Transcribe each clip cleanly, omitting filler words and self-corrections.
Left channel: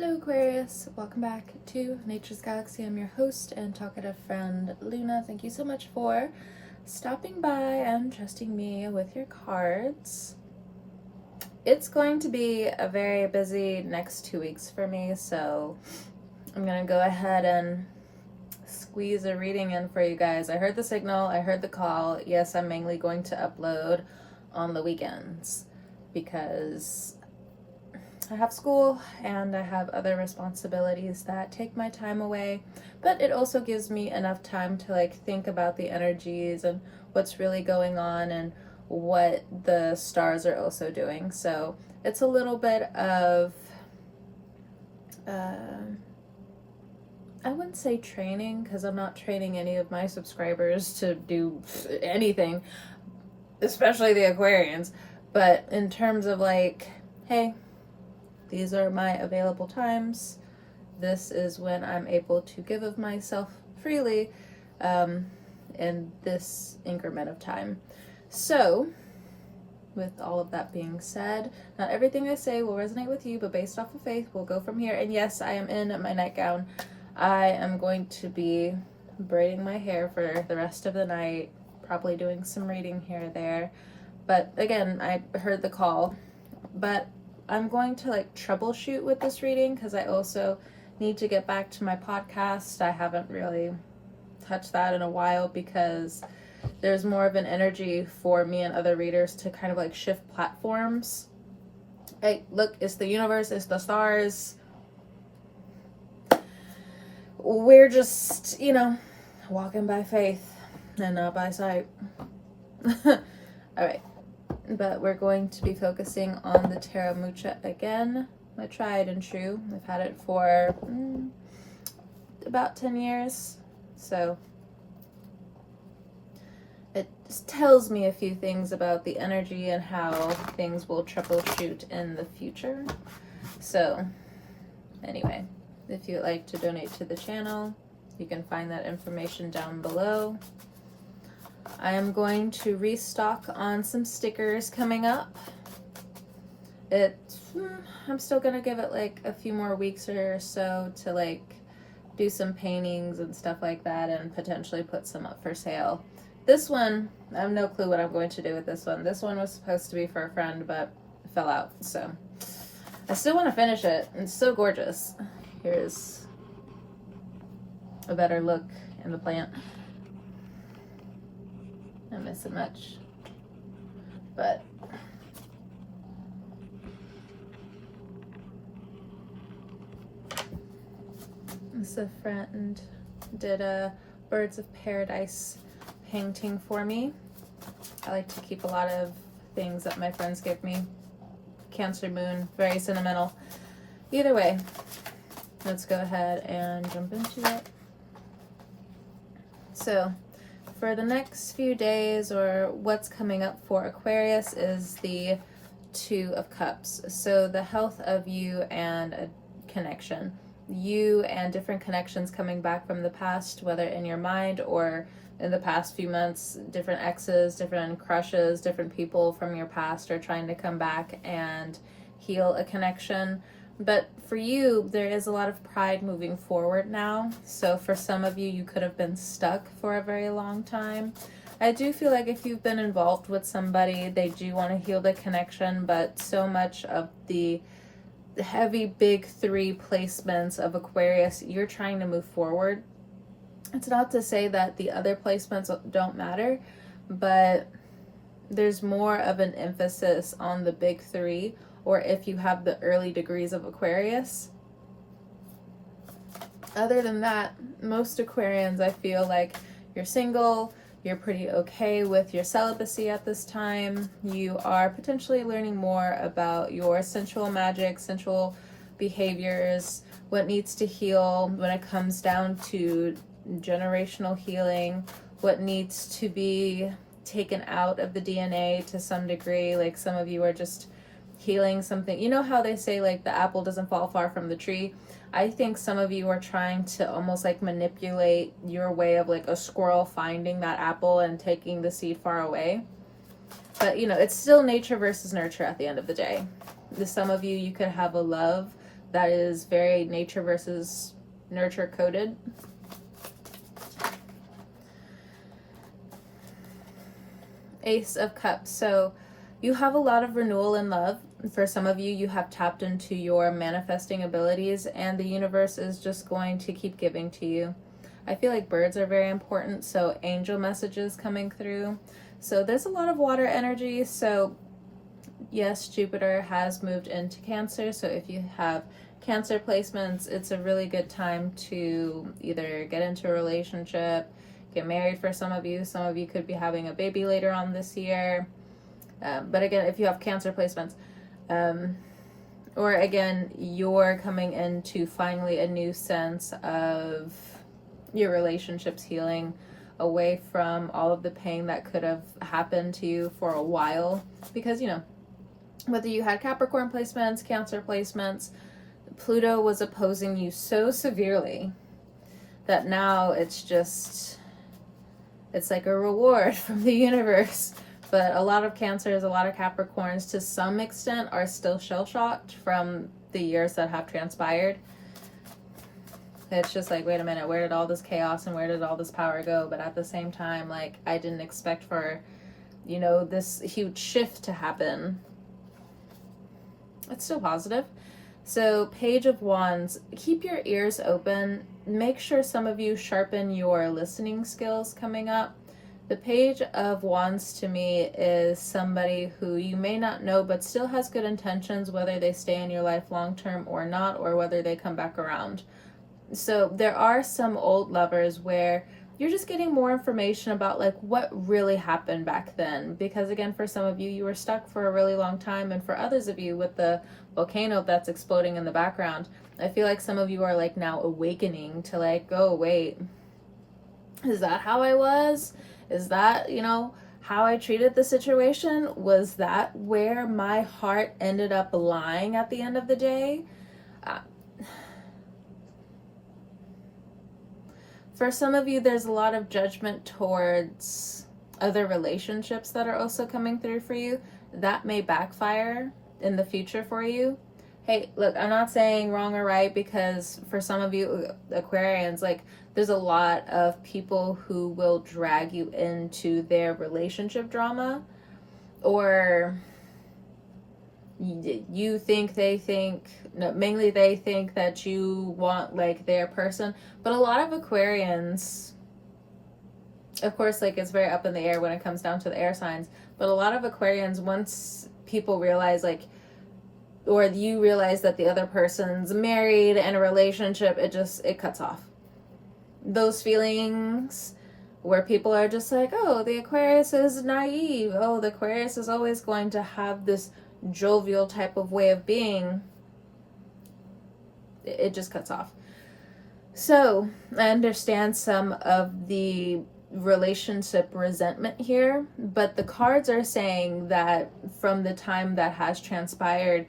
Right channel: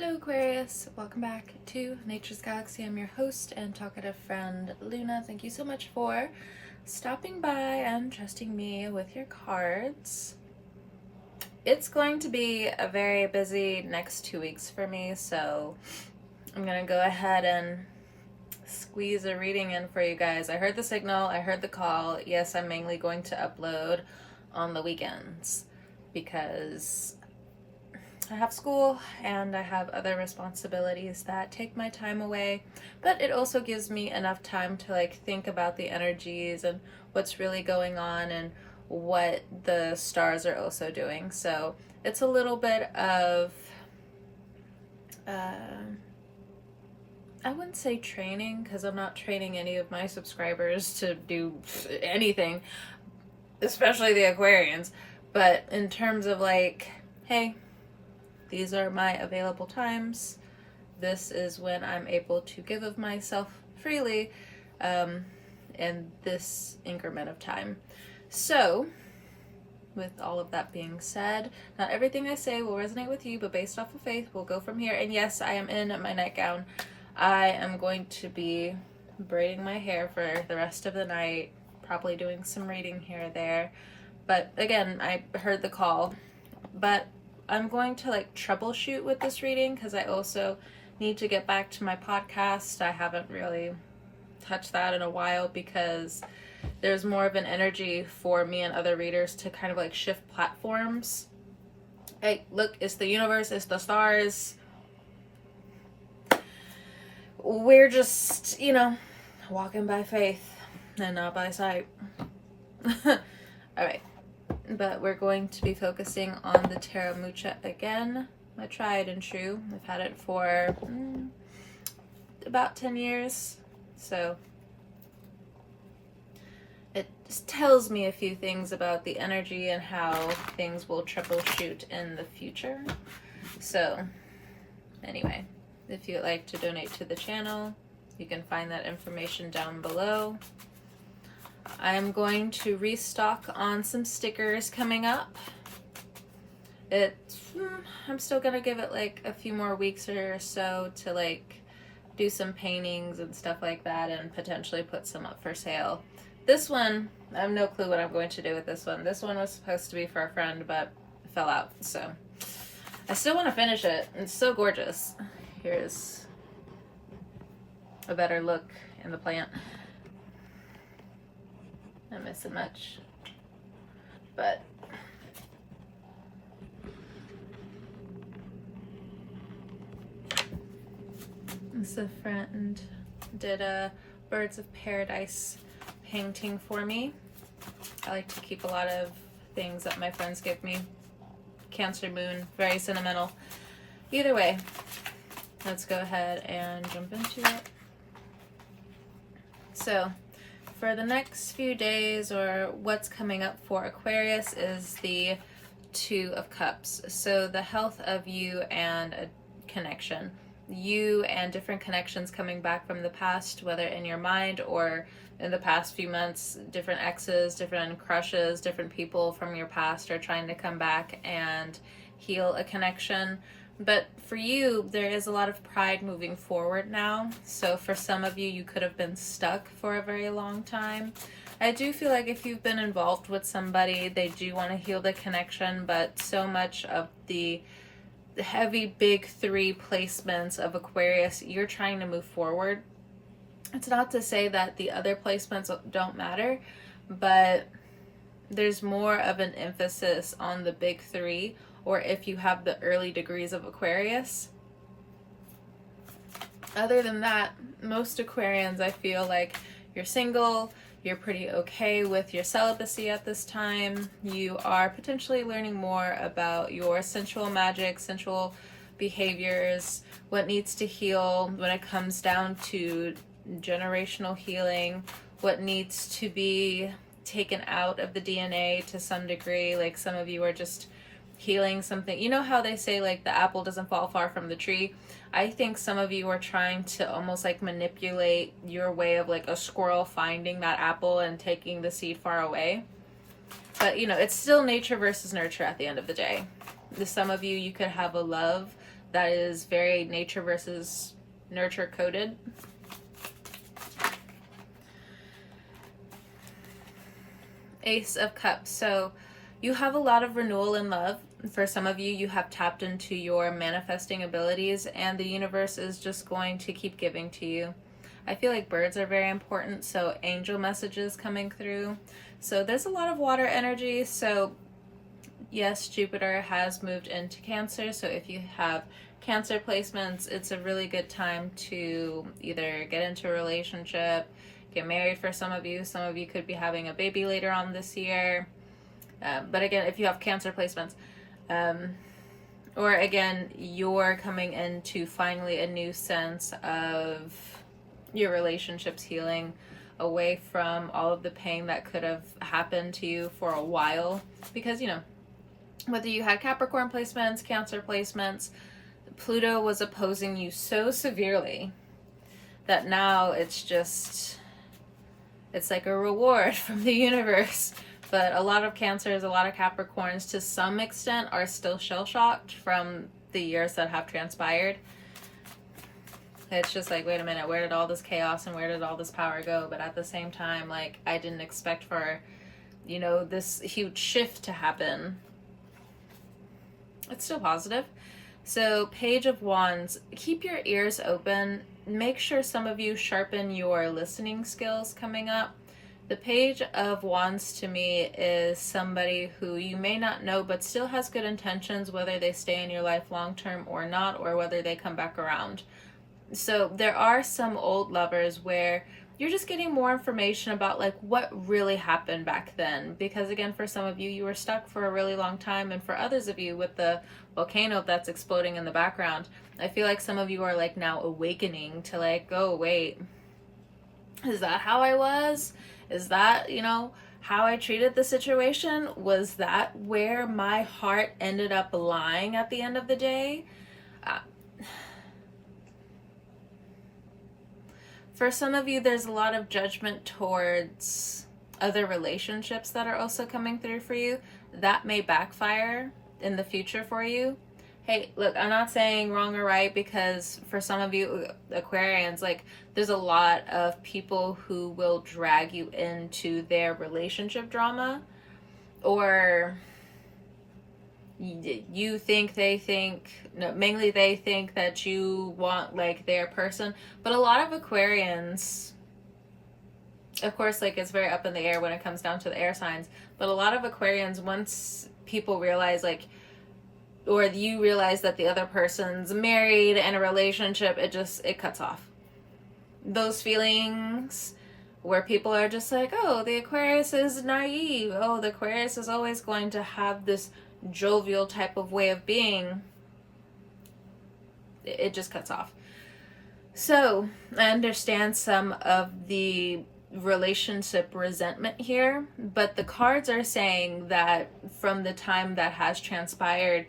Hello Aquarius, welcome back to Nature's Galaxy. I'm your host and talkative friend Luna. Thank you so much for stopping by and trusting me with your cards. It's going to be a very busy next 2 weeks for me, so I'm gonna go ahead and squeeze a reading in for you guys. I heard the signal, I heard the call. Yes, I'm mainly going to upload on the weekends because I have school and I have other responsibilities that take my time away, but it also gives me enough time to think about the energies and what's really going on and what the stars are also doing. So it's a little bit of I wouldn't say training, because I'm not training any of my subscribers to do anything, especially the Aquarians, but in terms of hey, these are my available times. This is when I'm able to give of myself freely in this increment of time. So, with all of that being said, not everything I say will resonate with you, but based off of faith, we'll go from here. And yes, I am in my nightgown. I am going to be braiding my hair for the rest of the night, probably doing some reading here or there. But again, I heard the call. But I'm going to troubleshoot with this reading because I also need to get back to my podcast. I haven't really touched that in a while because there's more of an energy for me and other readers to kind of shift platforms. Hey, look, it's the universe, it's the stars. We're just, walking by faith and not by sight. All right. But we're going to be focusing on the Tarot Mucha again, my tried and true. I've had it for about 10 years, so it just tells me a few things about the energy and how things will troubleshoot in the future. So anyway, if you'd like to donate to the channel, you can find that information down below. I am going to restock on some stickers coming up. I'm still gonna give it a few more weeks or so to do some paintings and stuff like that and potentially put some up for sale. This one, I have no clue what I'm going to do with this one. This one was supposed to be for a friend, but it fell out, so I still want to finish it. It's so gorgeous. Here's a better look in the plant. Not missing much, but this a friend did a Birds of Paradise painting for me. I like to keep a lot of things that my friends give me. Cancer moon, very sentimental. Either way, let's go ahead and jump into it. So for the next few days, or what's coming up for Aquarius, is the Two of Cups. So the health of you and a connection. You and different connections coming back from the past, whether in your mind or in the past few months, different exes, different crushes, different people from your past are trying to come back and heal a connection. But for you, there is a lot of pride moving forward now. So for some of you, you could have been stuck for a very long time. I do feel like if you've been involved with somebody, they do want to heal the connection, but so much of the heavy big three placements of Aquarius, you're trying to move forward. It's not to say that the other placements don't matter, but there's more of an emphasis on the big three, or if you have the early degrees of Aquarius. Other than that, most Aquarians, I feel like you're single, you're pretty okay with your celibacy at this time. You are potentially learning more about your sensual magic, sensual behaviors, what needs to heal when it comes down to generational healing, what needs to be taken out of the DNA to some degree. Some of you are just healing something. You know how they say the apple doesn't fall far from the tree? I think some of you are trying to almost manipulate your way of a squirrel finding that apple and taking the seed far away. But it's still nature versus nurture at the end of the day. Some of you could have a love that is very nature versus nurture coded. Ace of Cups. So you have a lot of renewal in love. For some of you, you have tapped into your manifesting abilities, and the universe is just going to keep giving to you. I feel like birds are very important, so angel messages coming through. So there's a lot of water energy. So yes, Jupiter has moved into Cancer. So if you have Cancer placements, it's a really good time to either get into a relationship, get married for some of you. Some of you could be having a baby later on this year. But again, if you have Cancer placements, or again, you're coming into finally a new sense of your relationships healing away from all of the pain that could have happened to you for a while. Because, you know, whether you had Capricorn placements, Cancer placements, Pluto was opposing you so severely that now it's like a reward from the universe. But a lot of Cancers, a lot of Capricorns, to some extent, are still shell-shocked from the years that have transpired. It's just like, wait a minute, where did all this chaos and where did all this power go? But at the same time, like, I didn't expect for, you know, this huge shift to happen. It's still positive. So, Page of Wands, keep your ears open. Make sure some of you sharpen your listening skills coming up. The Page of Wands to me is somebody who you may not know but still has good intentions, whether they stay in your life long term or not, or whether they come back around. So there are some old lovers where you're just getting more information about like what really happened back then. Because again, for some of you, you were stuck for a really long time. And for others of you, with the volcano that's exploding in the background, I feel like some of you are like now awakening to like, oh, wait, is that how I was? Is that, you know, how I treated the situation? Was that where my heart ended up lying at the end of the day? For some of you, there's a lot of judgment towards other relationships that are also coming through for you. That may backfire in the future for you. Hey, look, I'm not saying wrong or right, because for some of you Aquarians, like, there's a lot of people who will drag you into their relationship drama, or you think they think, no, mainly they think that you want like their person. But a lot of Aquarians, of course, like, it's very up in the air when it comes down to the air signs, but a lot of Aquarians, once people realize like, or you realize that the other person's married and a relationship, it cuts off those feelings where people are just like, oh, the Aquarius is naive. Oh, the Aquarius is always going to have this jovial type of way of being. It just cuts off. So I understand some of the relationship resentment here, but the cards are saying that from the time that has transpired,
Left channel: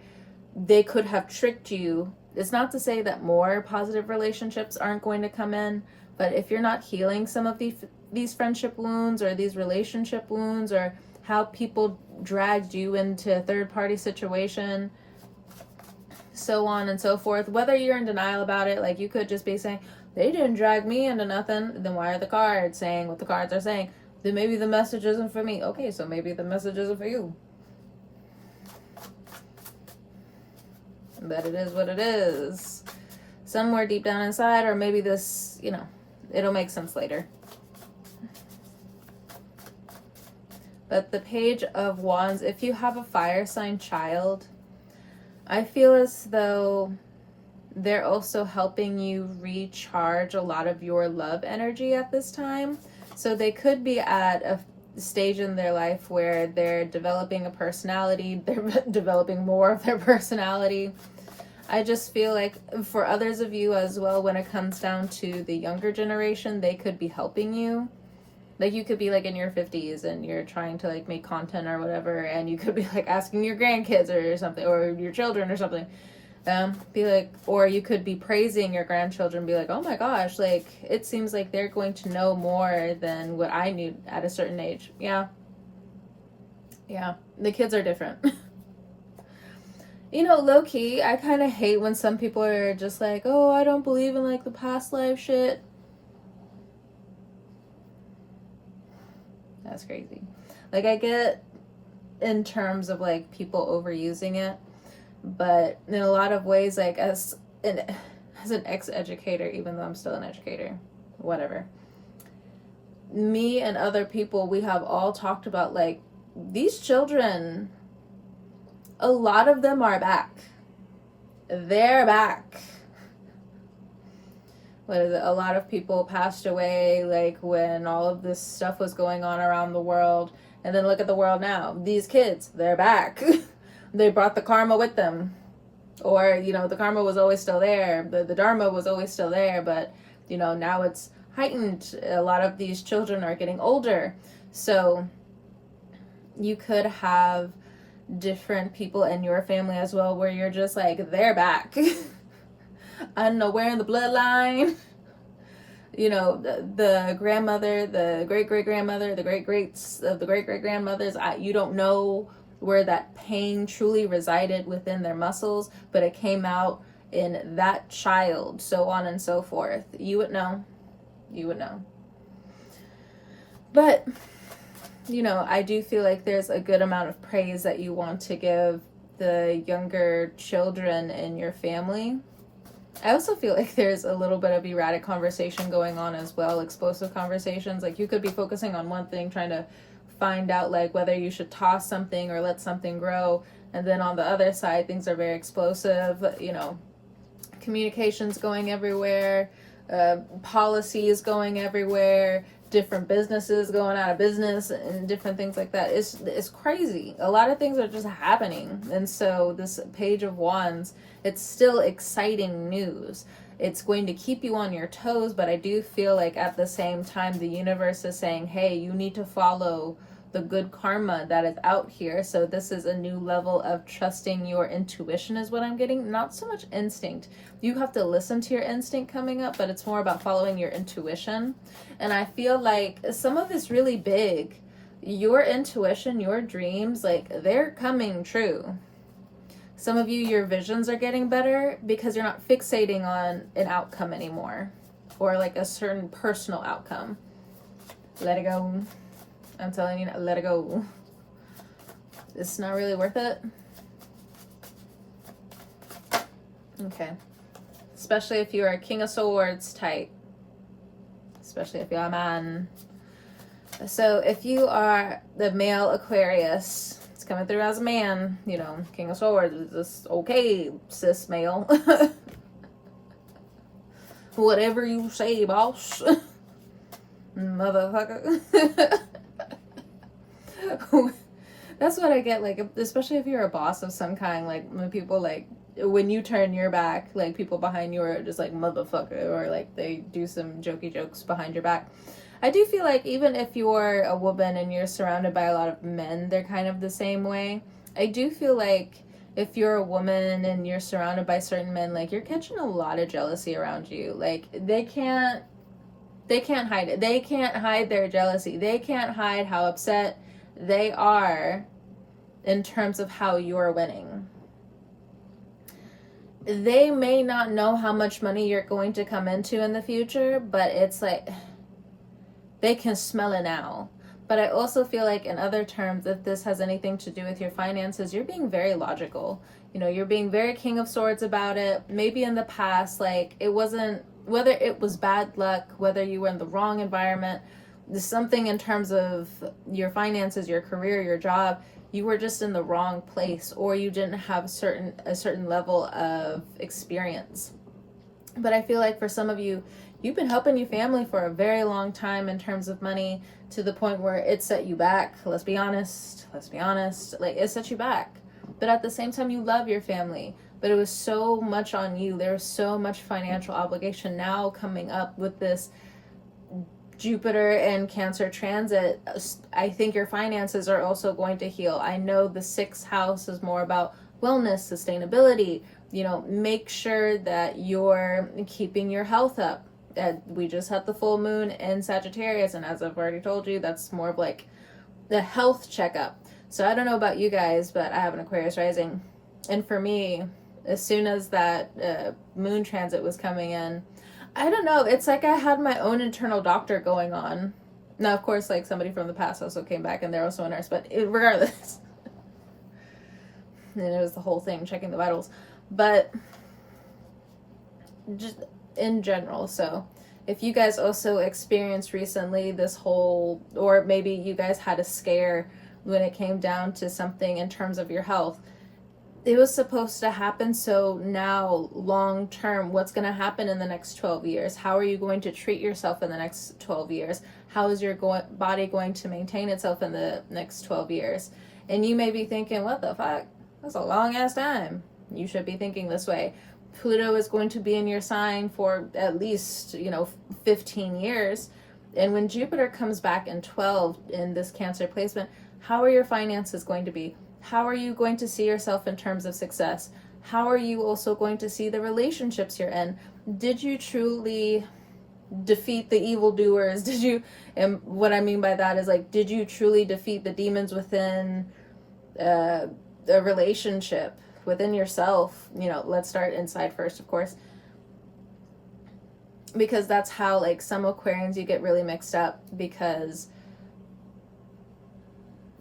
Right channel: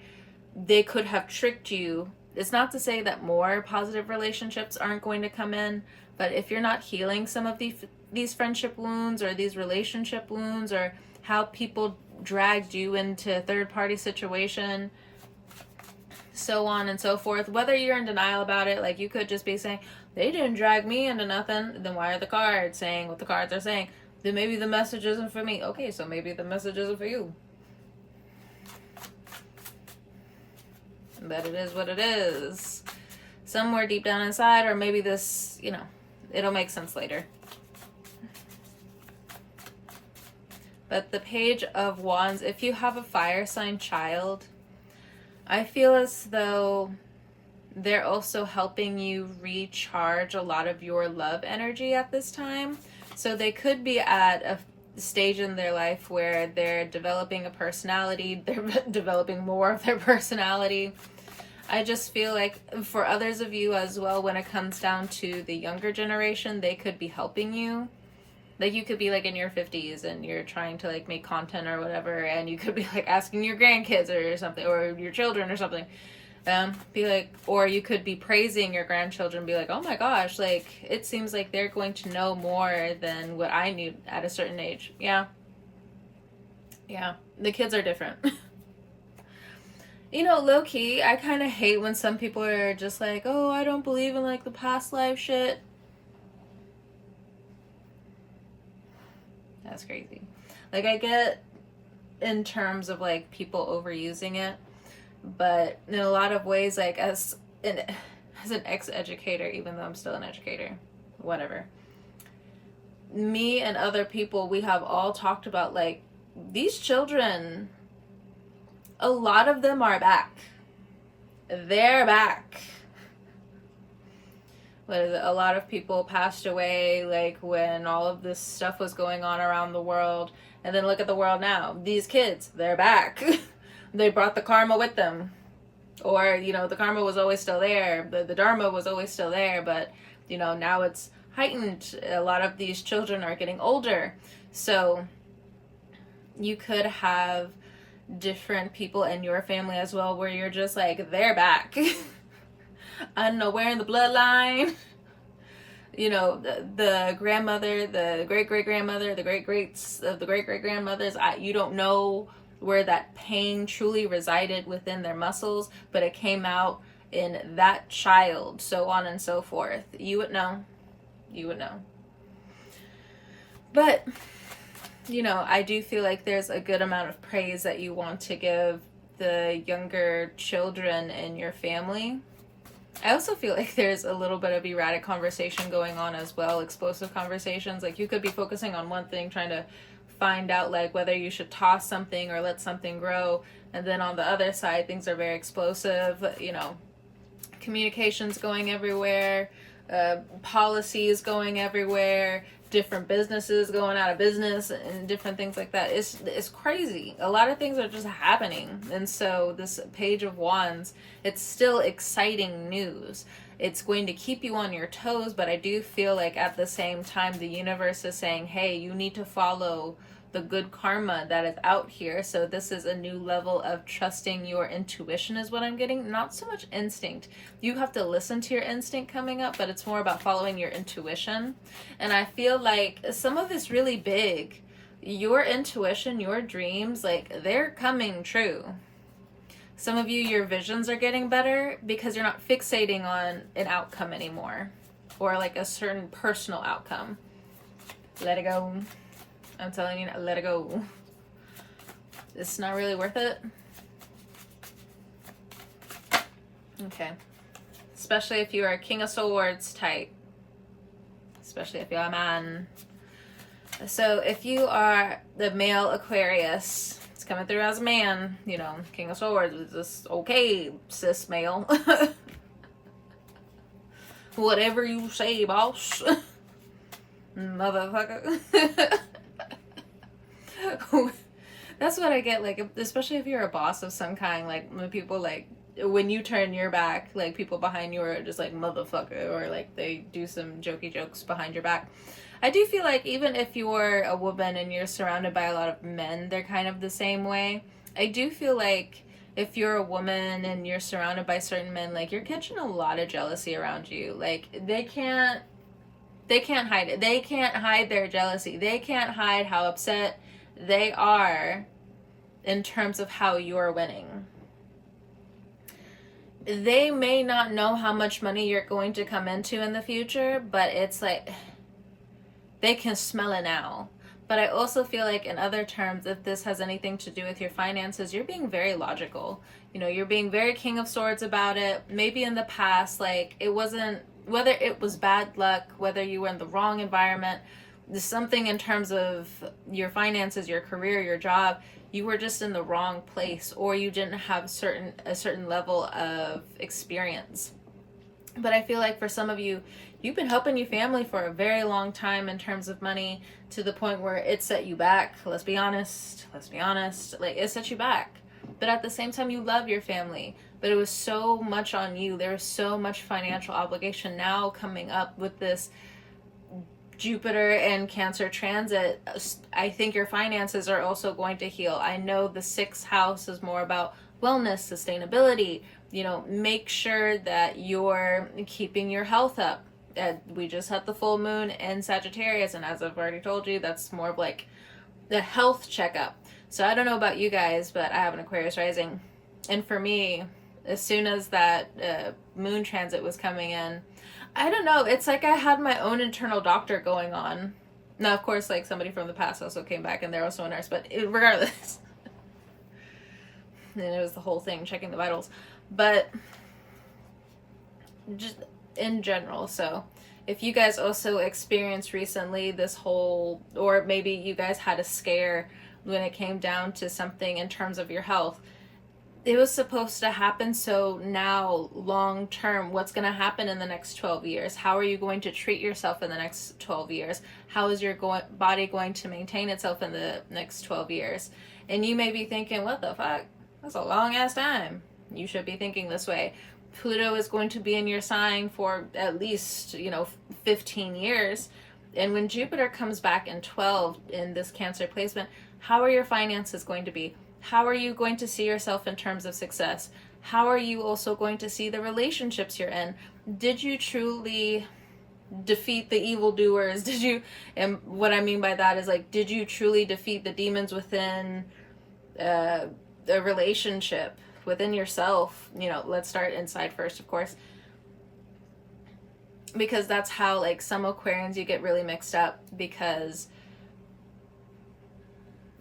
they could have tricked you. It's not to say that more positive relationships aren't going to come in, but if you're not healing some of these friendship wounds or these relationship wounds, or how people dragged you into a third-party situation, so on and so forth, whether you're in denial about it, like, you could just be saying, they didn't drag me into nothing, then why are the cards saying what the cards are saying? Then maybe the message isn't for me. Okay, so maybe the message isn't for you. But it is what it is. Somewhere deep down inside, or maybe this, you know, it'll make sense later. But the Page of Wands, if you have a fire sign child, I feel as though they're also helping you recharge a lot of your love energy at this time. So they could be at a stage in their life where they're developing a personality, they're developing more of their personality. I just feel like for others of you as well, when it comes down to the younger generation, they could be helping you. Like, you could be like in your 50s and you're trying to like make content or whatever, and you could be like asking your grandkids or something, or your children or something, be like, or you could be praising your grandchildren, be like, oh my gosh, like, it seems like they're going to know more than what I knew at a certain age. Yeah, the kids are different. You know, low key, I kind of hate when some people are just like, oh, I don't believe in like the past life shit. That's crazy. Like, I get in terms of like people overusing it, but in a lot of ways, like as an ex-educator, even though I'm still an educator, whatever, me and other people, we have all talked about like these children, a lot of them are back. They're back. What is it? A lot of people passed away like when all of this stuff was going on around the world. And then look at the world now. These kids, they're back. They brought the karma with them. Or, you know, the karma was always still there. The dharma was always still there. But, you know, now it's heightened. A lot of these children are getting older. So you could have different people in your family as well where you're just like, they're back. I don't know where in the bloodline. You know, the grandmother, the great-great-grandmother, the great-greats of the great-great-grandmothers, you don't know where that pain truly resided within their muscles, but it came out in that child, so on and so forth. You would know. You would know. But, you know, I do feel like there's a good amount of praise that you want to give the younger children in your family. I also feel like there's a little bit of erratic conversation going on as well, explosive conversations. Like you could be focusing on one thing, trying to find out like whether you should toss something or let something grow. And then on the other side, things are very explosive, you know, communications going everywhere, policies going everywhere, different businesses going out of business and different things like that. It's crazy. A lot of things are just happening. And so this Page of Wands, it's still exciting news. It's going to keep you on your toes, but I do feel like at the same time the universe is saying, hey, you need to follow the good karma that is out here. So this is a new level of trusting your intuition is what I'm getting. Not so much instinct. You have to listen to your instinct coming up, but it's more about following your intuition. And I feel like some of it's really big. Your intuition, your dreams, like they're coming true. Some of you, your visions are getting better because you're not fixating on an outcome anymore or like a certain personal outcome. Let it go. I'm telling you, let it go. It's not really worth it. Okay. Especially if you're a King of Swords type. Especially if you're a man. So if you are the male Aquarius, it's coming through as a man, you know, King of Swords is just okay, cis male. Whatever you say, boss. Motherfucker. That's what I get, like, especially if you're a boss of some kind, like, when people, like, when you turn your back, like, people behind you are just like, motherfucker, or, like, they do some jokey jokes behind your back. I do feel like even if you're a woman and you're surrounded by a lot of men, they're kind of the same way. I do feel like if you're a woman and you're surrounded by certain men, like, you're catching a lot of jealousy around you. Like, they can't hide it. They can't hide their jealousy. They can't hide how upset they are in terms of how you're winning. They may not know how much money you're going to come into in the future, but it's like they can smell it now. But I also feel like in other terms, if this has anything to do with your finances, you're being very logical. You know, you're being very King of Swords about it. Maybe in the past, like, it wasn't, whether it was bad luck, whether you were in the wrong environment, something in terms of your finances, your career, your job, you were just in the wrong place, or you didn't have a certain level of experience. But I feel like for some of you, you've been helping your family for a very long time in terms of money, to the point where it set you back. Let's be honest. Like, it set you back. But at the same time, you love your family. But it was so much on you. There was so much financial obligation now coming up with this Jupiter and Cancer transit. I think your finances are also going to heal. I know the 6th house is more about wellness, sustainability. You know, make sure that you're keeping your health up. We just had the full moon in Sagittarius, and as I've already told you, that's more of like the health checkup. So I don't know about you guys, but I have an Aquarius rising. And for me, as soon as that moon transit was coming in, I don't know, it's like I had my own internal doctor going on. Now, of course, like somebody from the past also came back and they're also a nurse, but regardless, and it was the whole thing, checking the vitals. But just in general, so if you guys also experienced recently this whole, or maybe you guys had a scare when it came down to something in terms of your health, it was supposed to happen. So now, long term, what's going to happen in the next 12 years? How are you going to treat yourself in the next 12 years? How is your body going to maintain itself in the next 12 years? And you may be thinking, what the fuck? That's a long ass time. You should be thinking this way. Pluto is going to be in your sign for at least, 15 years. And when Jupiter comes back in 12 in this Cancer placement, how are your finances going to be? How are you going to see yourself in terms of success? How are you also going to see the relationships you're in? Did you truly defeat the evildoers? And what I mean by that is, like, did you truly defeat the demons within a relationship, within yourself? Let's start inside first, of course. Because that's how, like, some Aquarians, you get really mixed up, because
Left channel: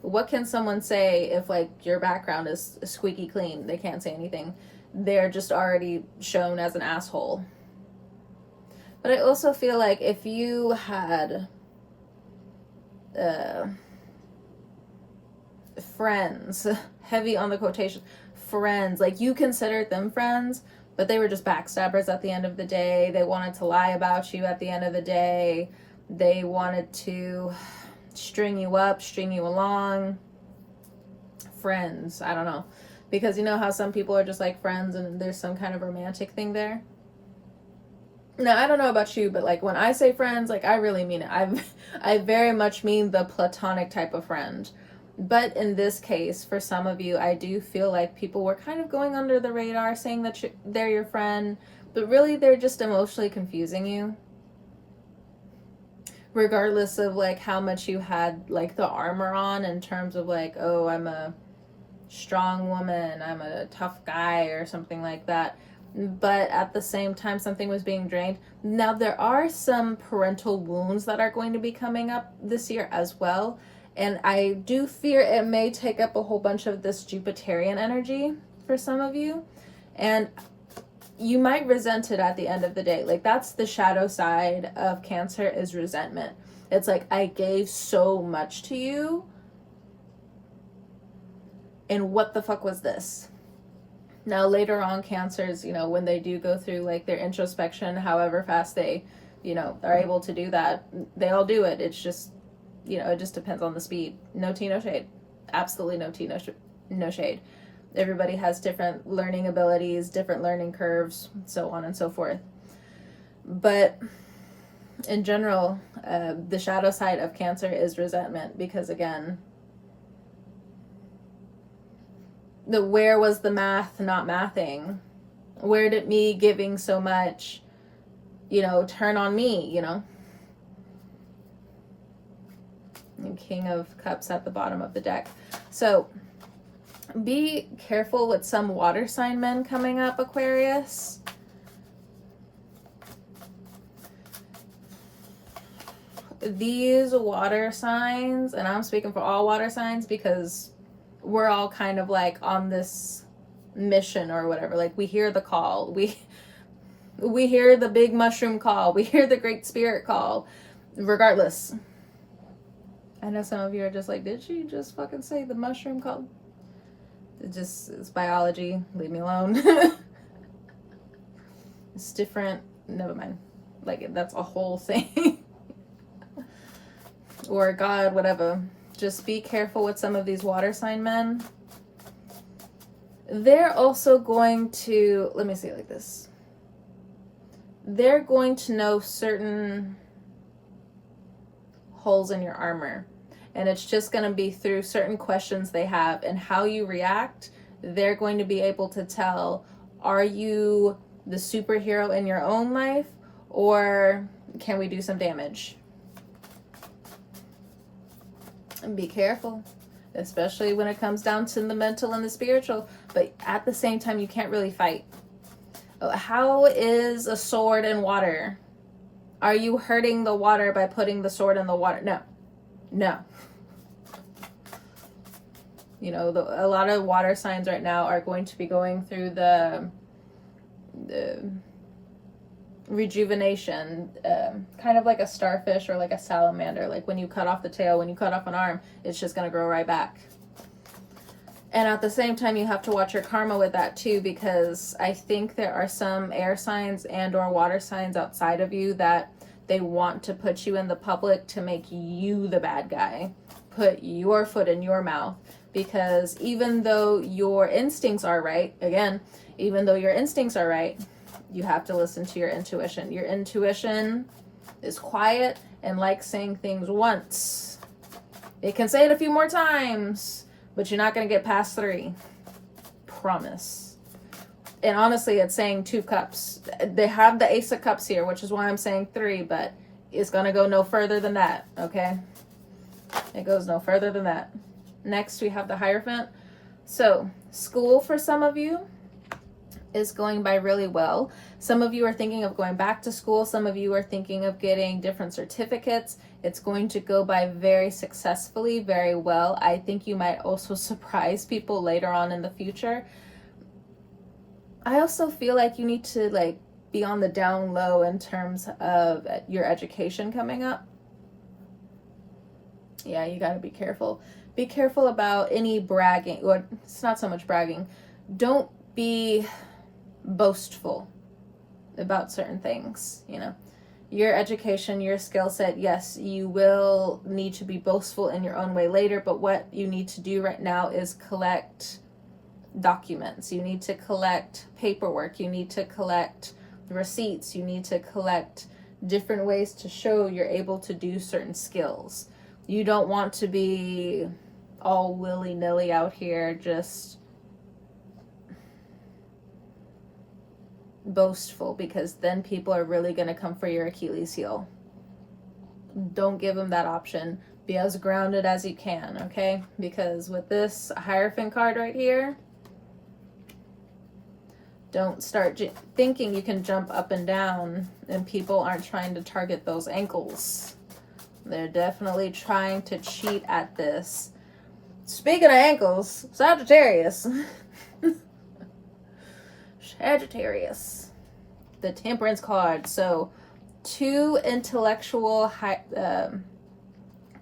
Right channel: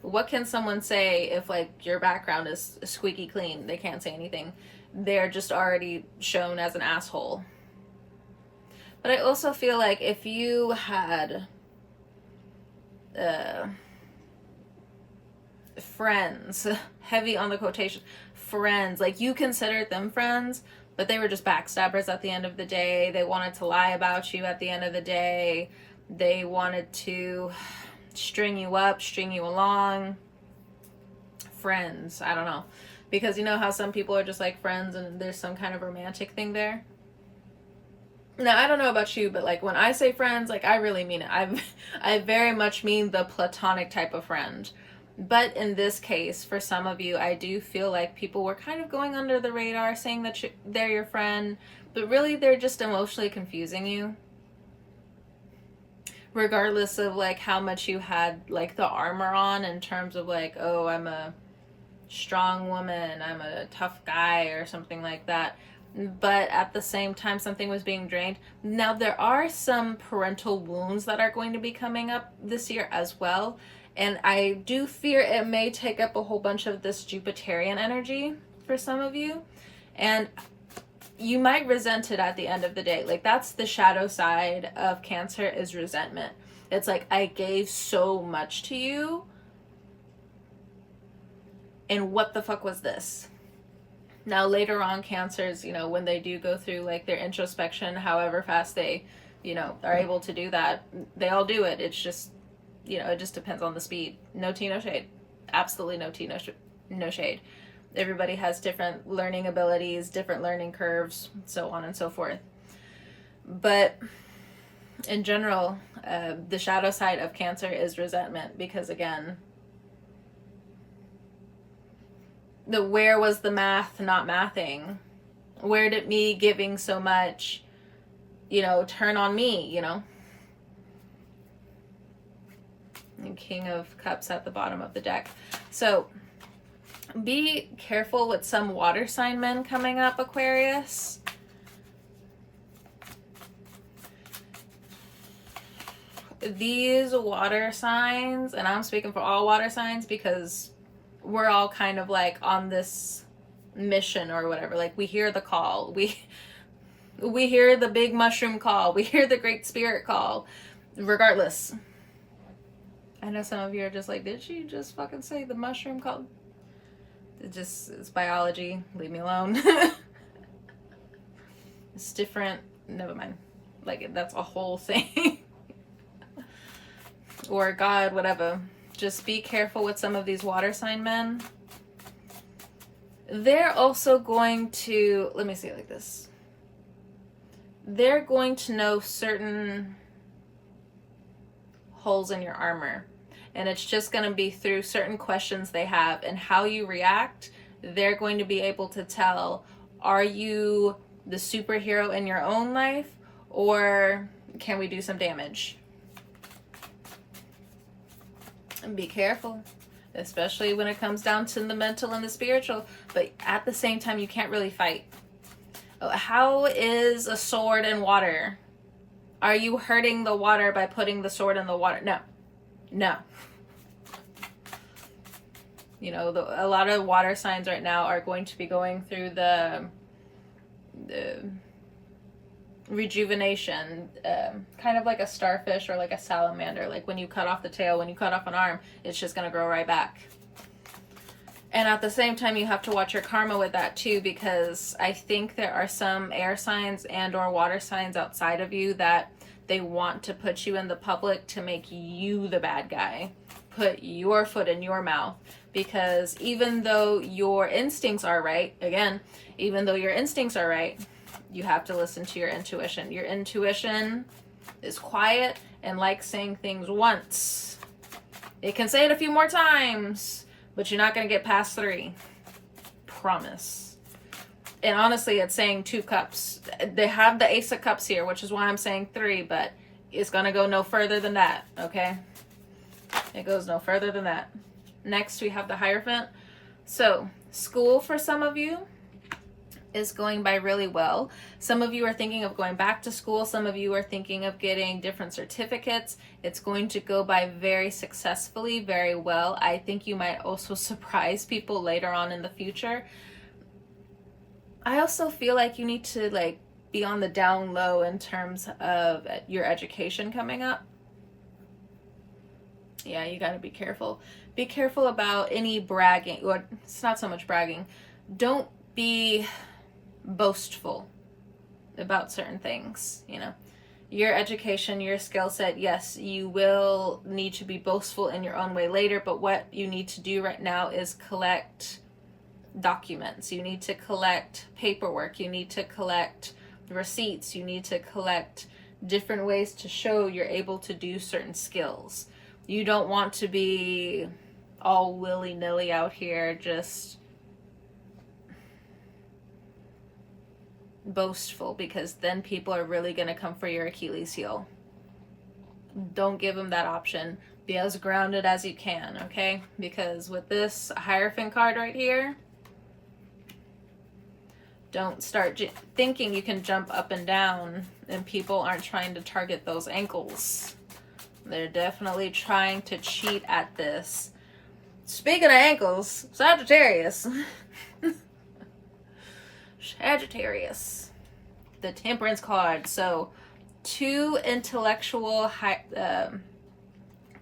what can someone say if, like, your background is squeaky clean? They can't say anything. They're just already shown as an asshole. But I also feel like if you had friends, heavy on the quotation, friends, like you considered them friends, but they were just backstabbers at the end of the day. They wanted to lie about you at the end of the day. They wanted to string you up, string you along. Friends, I don't know. Because you know how some people are just like friends and there's some kind of romantic thing there? Now, I don't know about you, but like when I say friends, like I really mean it. I very much mean the platonic type of friend. But in this case, for some of you, I do feel like people were kind of going under the radar, saying that they're your friend, but really they're just emotionally confusing you. Regardless of like how much you had like the armor on in terms of like, oh, I'm a strong woman, I'm a tough guy or something like that. But at the same time, something was being drained. Now, there are some parental wounds that are going to be coming up this year as well. And I do fear it may take up a whole bunch of this Jupiterian energy for some of you. And you might resent it at the end of the day. Like, that's the shadow side of Cancer, is resentment. It's like, I gave so much to you, and what the fuck was this? Now, later on, Cancers, when they do go through like their introspection, however fast they, are able to do that, they all do it. It's just, it just depends on the speed. No tea, no shade. Absolutely no tea, no shade. Everybody has different learning abilities, different learning curves, so on and so forth. But in general, the shadow side of Cancer is resentment, because again, where was the math not mathing? Where did me giving so much, turn on me, And King of Cups at the bottom of the deck. So be careful with some water sign men coming up, Aquarius. These water signs, and I'm speaking for all water signs because we're all kind of like on this mission or whatever. Like, we hear the call. We hear the big mushroom call. We hear the great spirit call. Regardless. I know some of you are just like, did she just fucking say the mushroom call? It's biology. Leave me alone. It's different. Never mind. Like, that's a whole thing. Or God, whatever. Just be careful with some of these water sign men. They're also going to, let me say it like this. They're going to know certain holes in your armor. And it's just going to be through certain questions they have and how you react. They're going to be able to tell, are you the superhero in your own life, or can we do some damage? And be careful, especially when it comes down to the mental and the spiritual. But at the same time, you can't really fight. How is a sword in water? Are you hurting the water by putting the sword in the water? No. You know, a lot of water signs right now are going to be going through the rejuvenation, kind of like a starfish or like a salamander. Like when you cut off the tail, when you cut off an arm, it's just going to grow right back. And at the same time, you have to watch your karma with that too, because I think there are some air signs and or water signs outside of you that they want to put you in the public to make you the bad guy, put your foot in your mouth. Because even though your instincts are right, again, even though your instincts are right, you have to listen to your intuition. Your intuition is quiet and likes saying things once. It can say it a few more times, but you're not going to get past 3. Promise. And honestly, it's saying 2 cups. They have the Ace of Cups here, which is why I'm saying 3, but it's going to go no further than that, okay? It goes no further than that. Next, we have the Hierophant. So, school for some of you is going by really well. Some of you are thinking of going back to school. Some of you are thinking of getting different certificates. It's going to go by very successfully, very well. I think you might also surprise people later on in the future. I also feel like you need to be on the down low in terms of your education coming up. Yeah, you got to be careful. Be careful about any bragging, or it's not so much bragging. Don't be boastful about certain things, you know. Your education, your skill set, yes, you will need to be boastful in your own way later, but what you need to do right now is collect documents. You need to collect paperwork. You need to collect receipts. You need to collect different ways to show you're able to do certain skills. You don't want to be all willy-nilly out here just boastful, because then people are really going to come for your Achilles heel. Don't give them that option. Be as grounded as you can, okay? Because with this Hierophant card right here, don't start thinking you can jump up and down and people aren't trying to target those ankles. They're definitely trying to cheat at this. Speaking of ankles, Sagittarius. Sagittarius. The Temperance card. So, 2 intellectual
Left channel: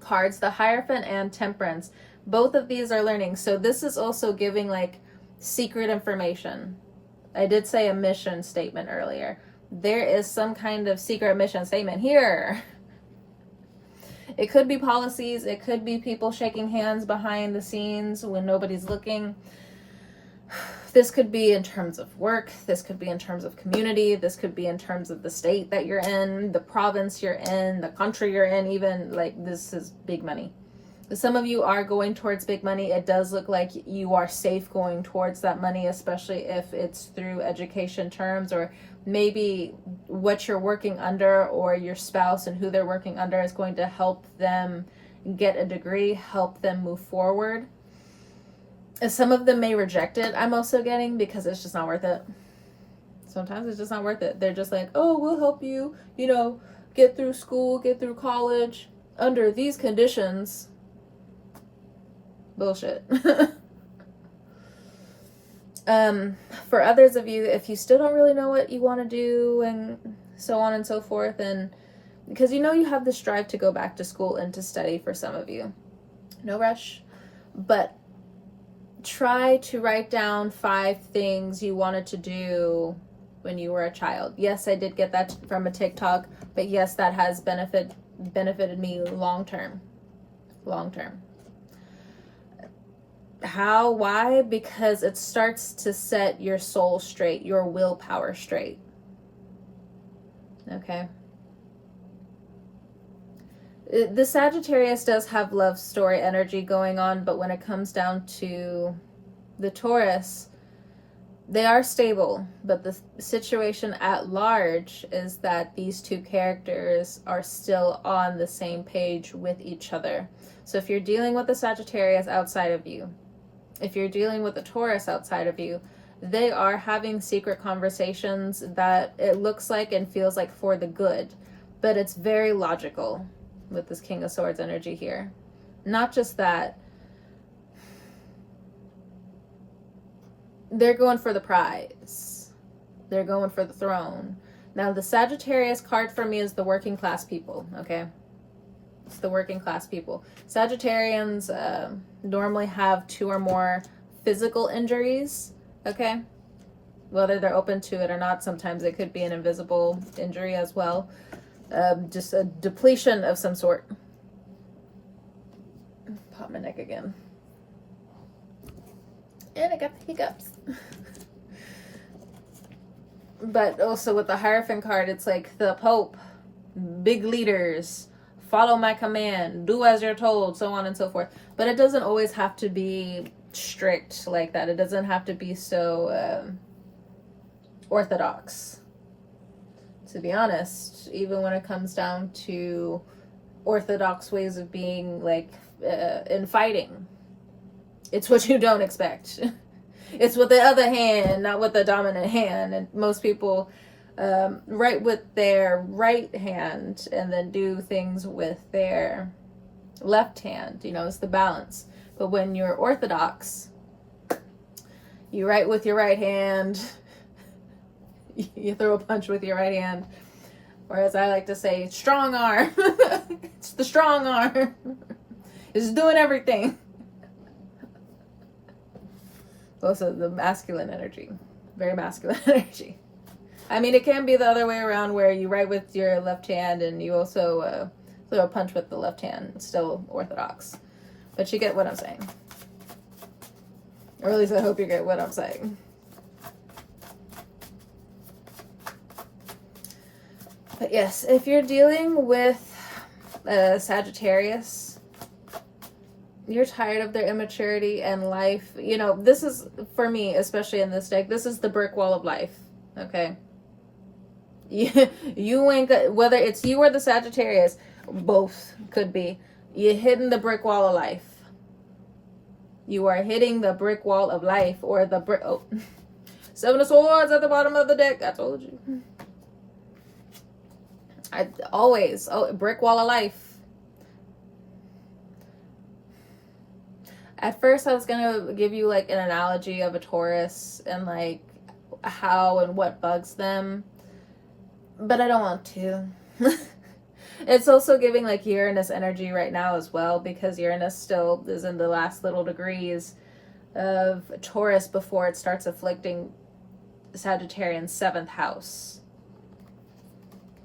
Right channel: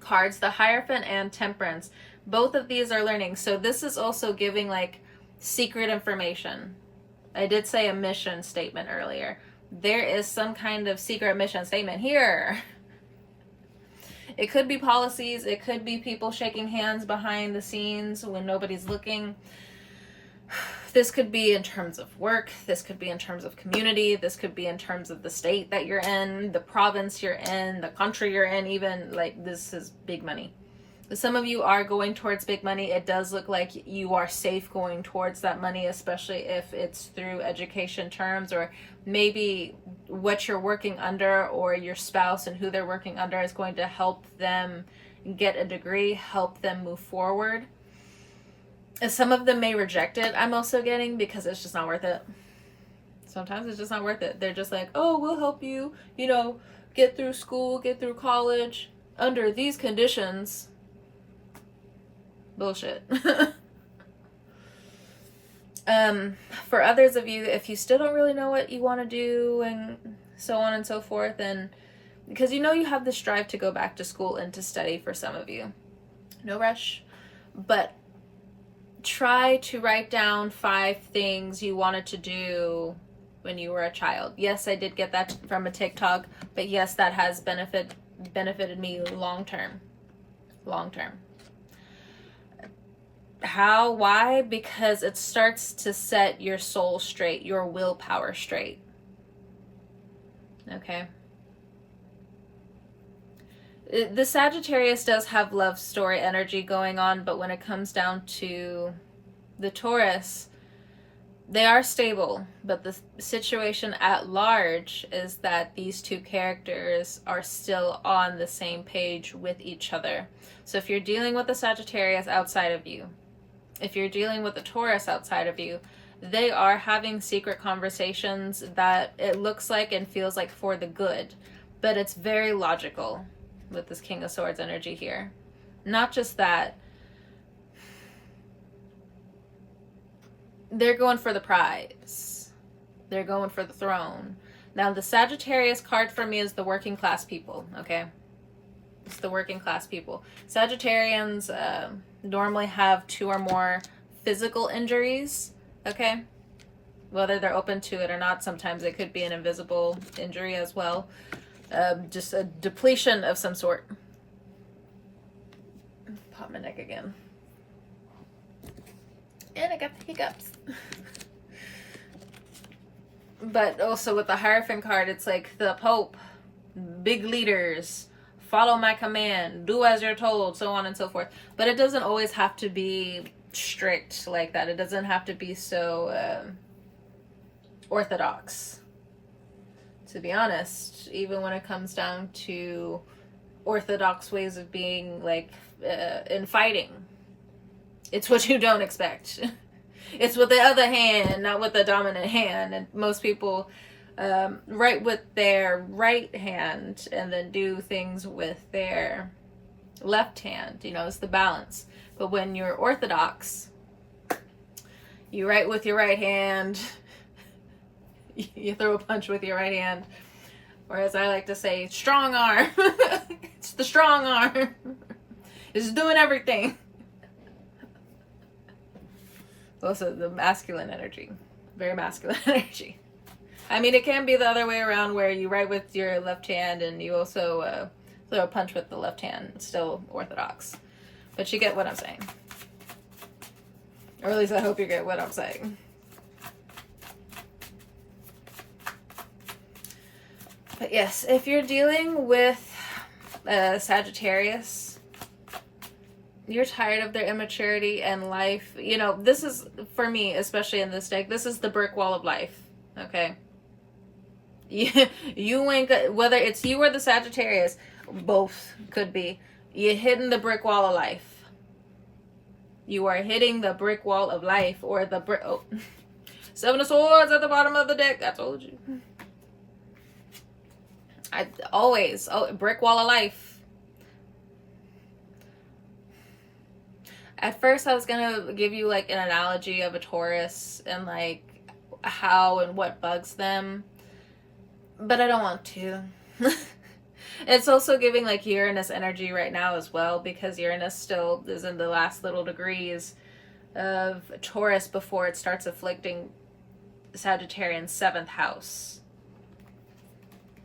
cards, the Hierophant and Temperance. Both of these are learning. So, this is also giving secret information. I did say a mission statement earlier. There is some kind of secret mission statement here. It could be policies. It could be people shaking hands behind the scenes when nobody's looking. This could be in terms of work. This could be in terms of community. This could be in terms of the state that you're in, the province you're in, the country you're in, even. This is big money. Some of you are going towards big money. It does look like you are safe going towards that money, especially if it's through education terms, or maybe what you're working under or your spouse and who they're working under is going to help them get a degree, help them move forward. Some of them may reject it, I'm also getting, because it's just not worth it. Sometimes it's just not worth it. They're just like, oh, we'll help you, get through school, get through college under these conditions. Bullshit. For others of you, if you still don't really know what you want to do and so on and so forth, and because you have the strive to go back to school and to study for some of you, no rush, but try to write down 5 things you wanted to do when you were a child. Yes, I did get that from a TikTok, but yes, that has benefited me long term. How? Why? Because it starts to set your soul straight, your willpower straight. Okay. The Sagittarius does have love story energy going on, but when it comes down to the Taurus, They are stable, but the situation at large is that these two characters are still on the same page with each other. So if you're dealing with a Sagittarius outside of you, if you're dealing with a Taurus outside of you, they are having secret conversations that it looks like and feels like for the good, but it's very logical with this King of Swords energy here. Not just that, they're going for the prize. They're going for the throne. Now, the Sagittarius card for me is the working class people, okay? It's the working class people. Sagittarians normally have 2 or more physical injuries, okay? Whether they're open to it or not, sometimes it could be an invisible injury as well. Just a depletion of some sort. Pop my neck again. And I got the hiccups. But also with the Hierophant card, it's like the Pope, big leaders, follow my command, do as you're told, so on and so forth. But it doesn't always have to be strict like that. It doesn't have to be so orthodox. To be honest, even when it comes down to orthodox ways of being, like in fighting, it's what you don't expect. It's with the other hand, not with the dominant hand. And most people write with their right hand and then do things with their left hand. You know, it's the balance. But when you're orthodox, you write with your right hand, you throw a punch with your right hand. Whereas I like to say, strong arm. It's the strong arm. It's doing everything. Also the masculine energy. Very masculine energy. I mean, it can be the other way around where you write with your left hand and you also throw a punch with the left hand. It's still orthodox. But you get what I'm saying. Or at least I hope you get what I'm saying. But yes, if you're dealing with Sagittarius, you're tired of their immaturity and life. You know, this is, for me, especially in this deck, this is the brick wall of life, okay? You ain't got, whether it's you or the Sagittarius, both could be, you're hitting the brick wall of life. You are hitting the brick wall of life, or the brick, oh, 7 of Swords at the bottom of the deck, I told you. I always, brick wall of life. At first, I was gonna give you like an analogy of a Taurus and like how and what bugs them, but I don't want to. It's also giving like Uranus energy right now as well, because Uranus still is in the last little degrees of Taurus before it starts afflicting Sagittarian's 7th house.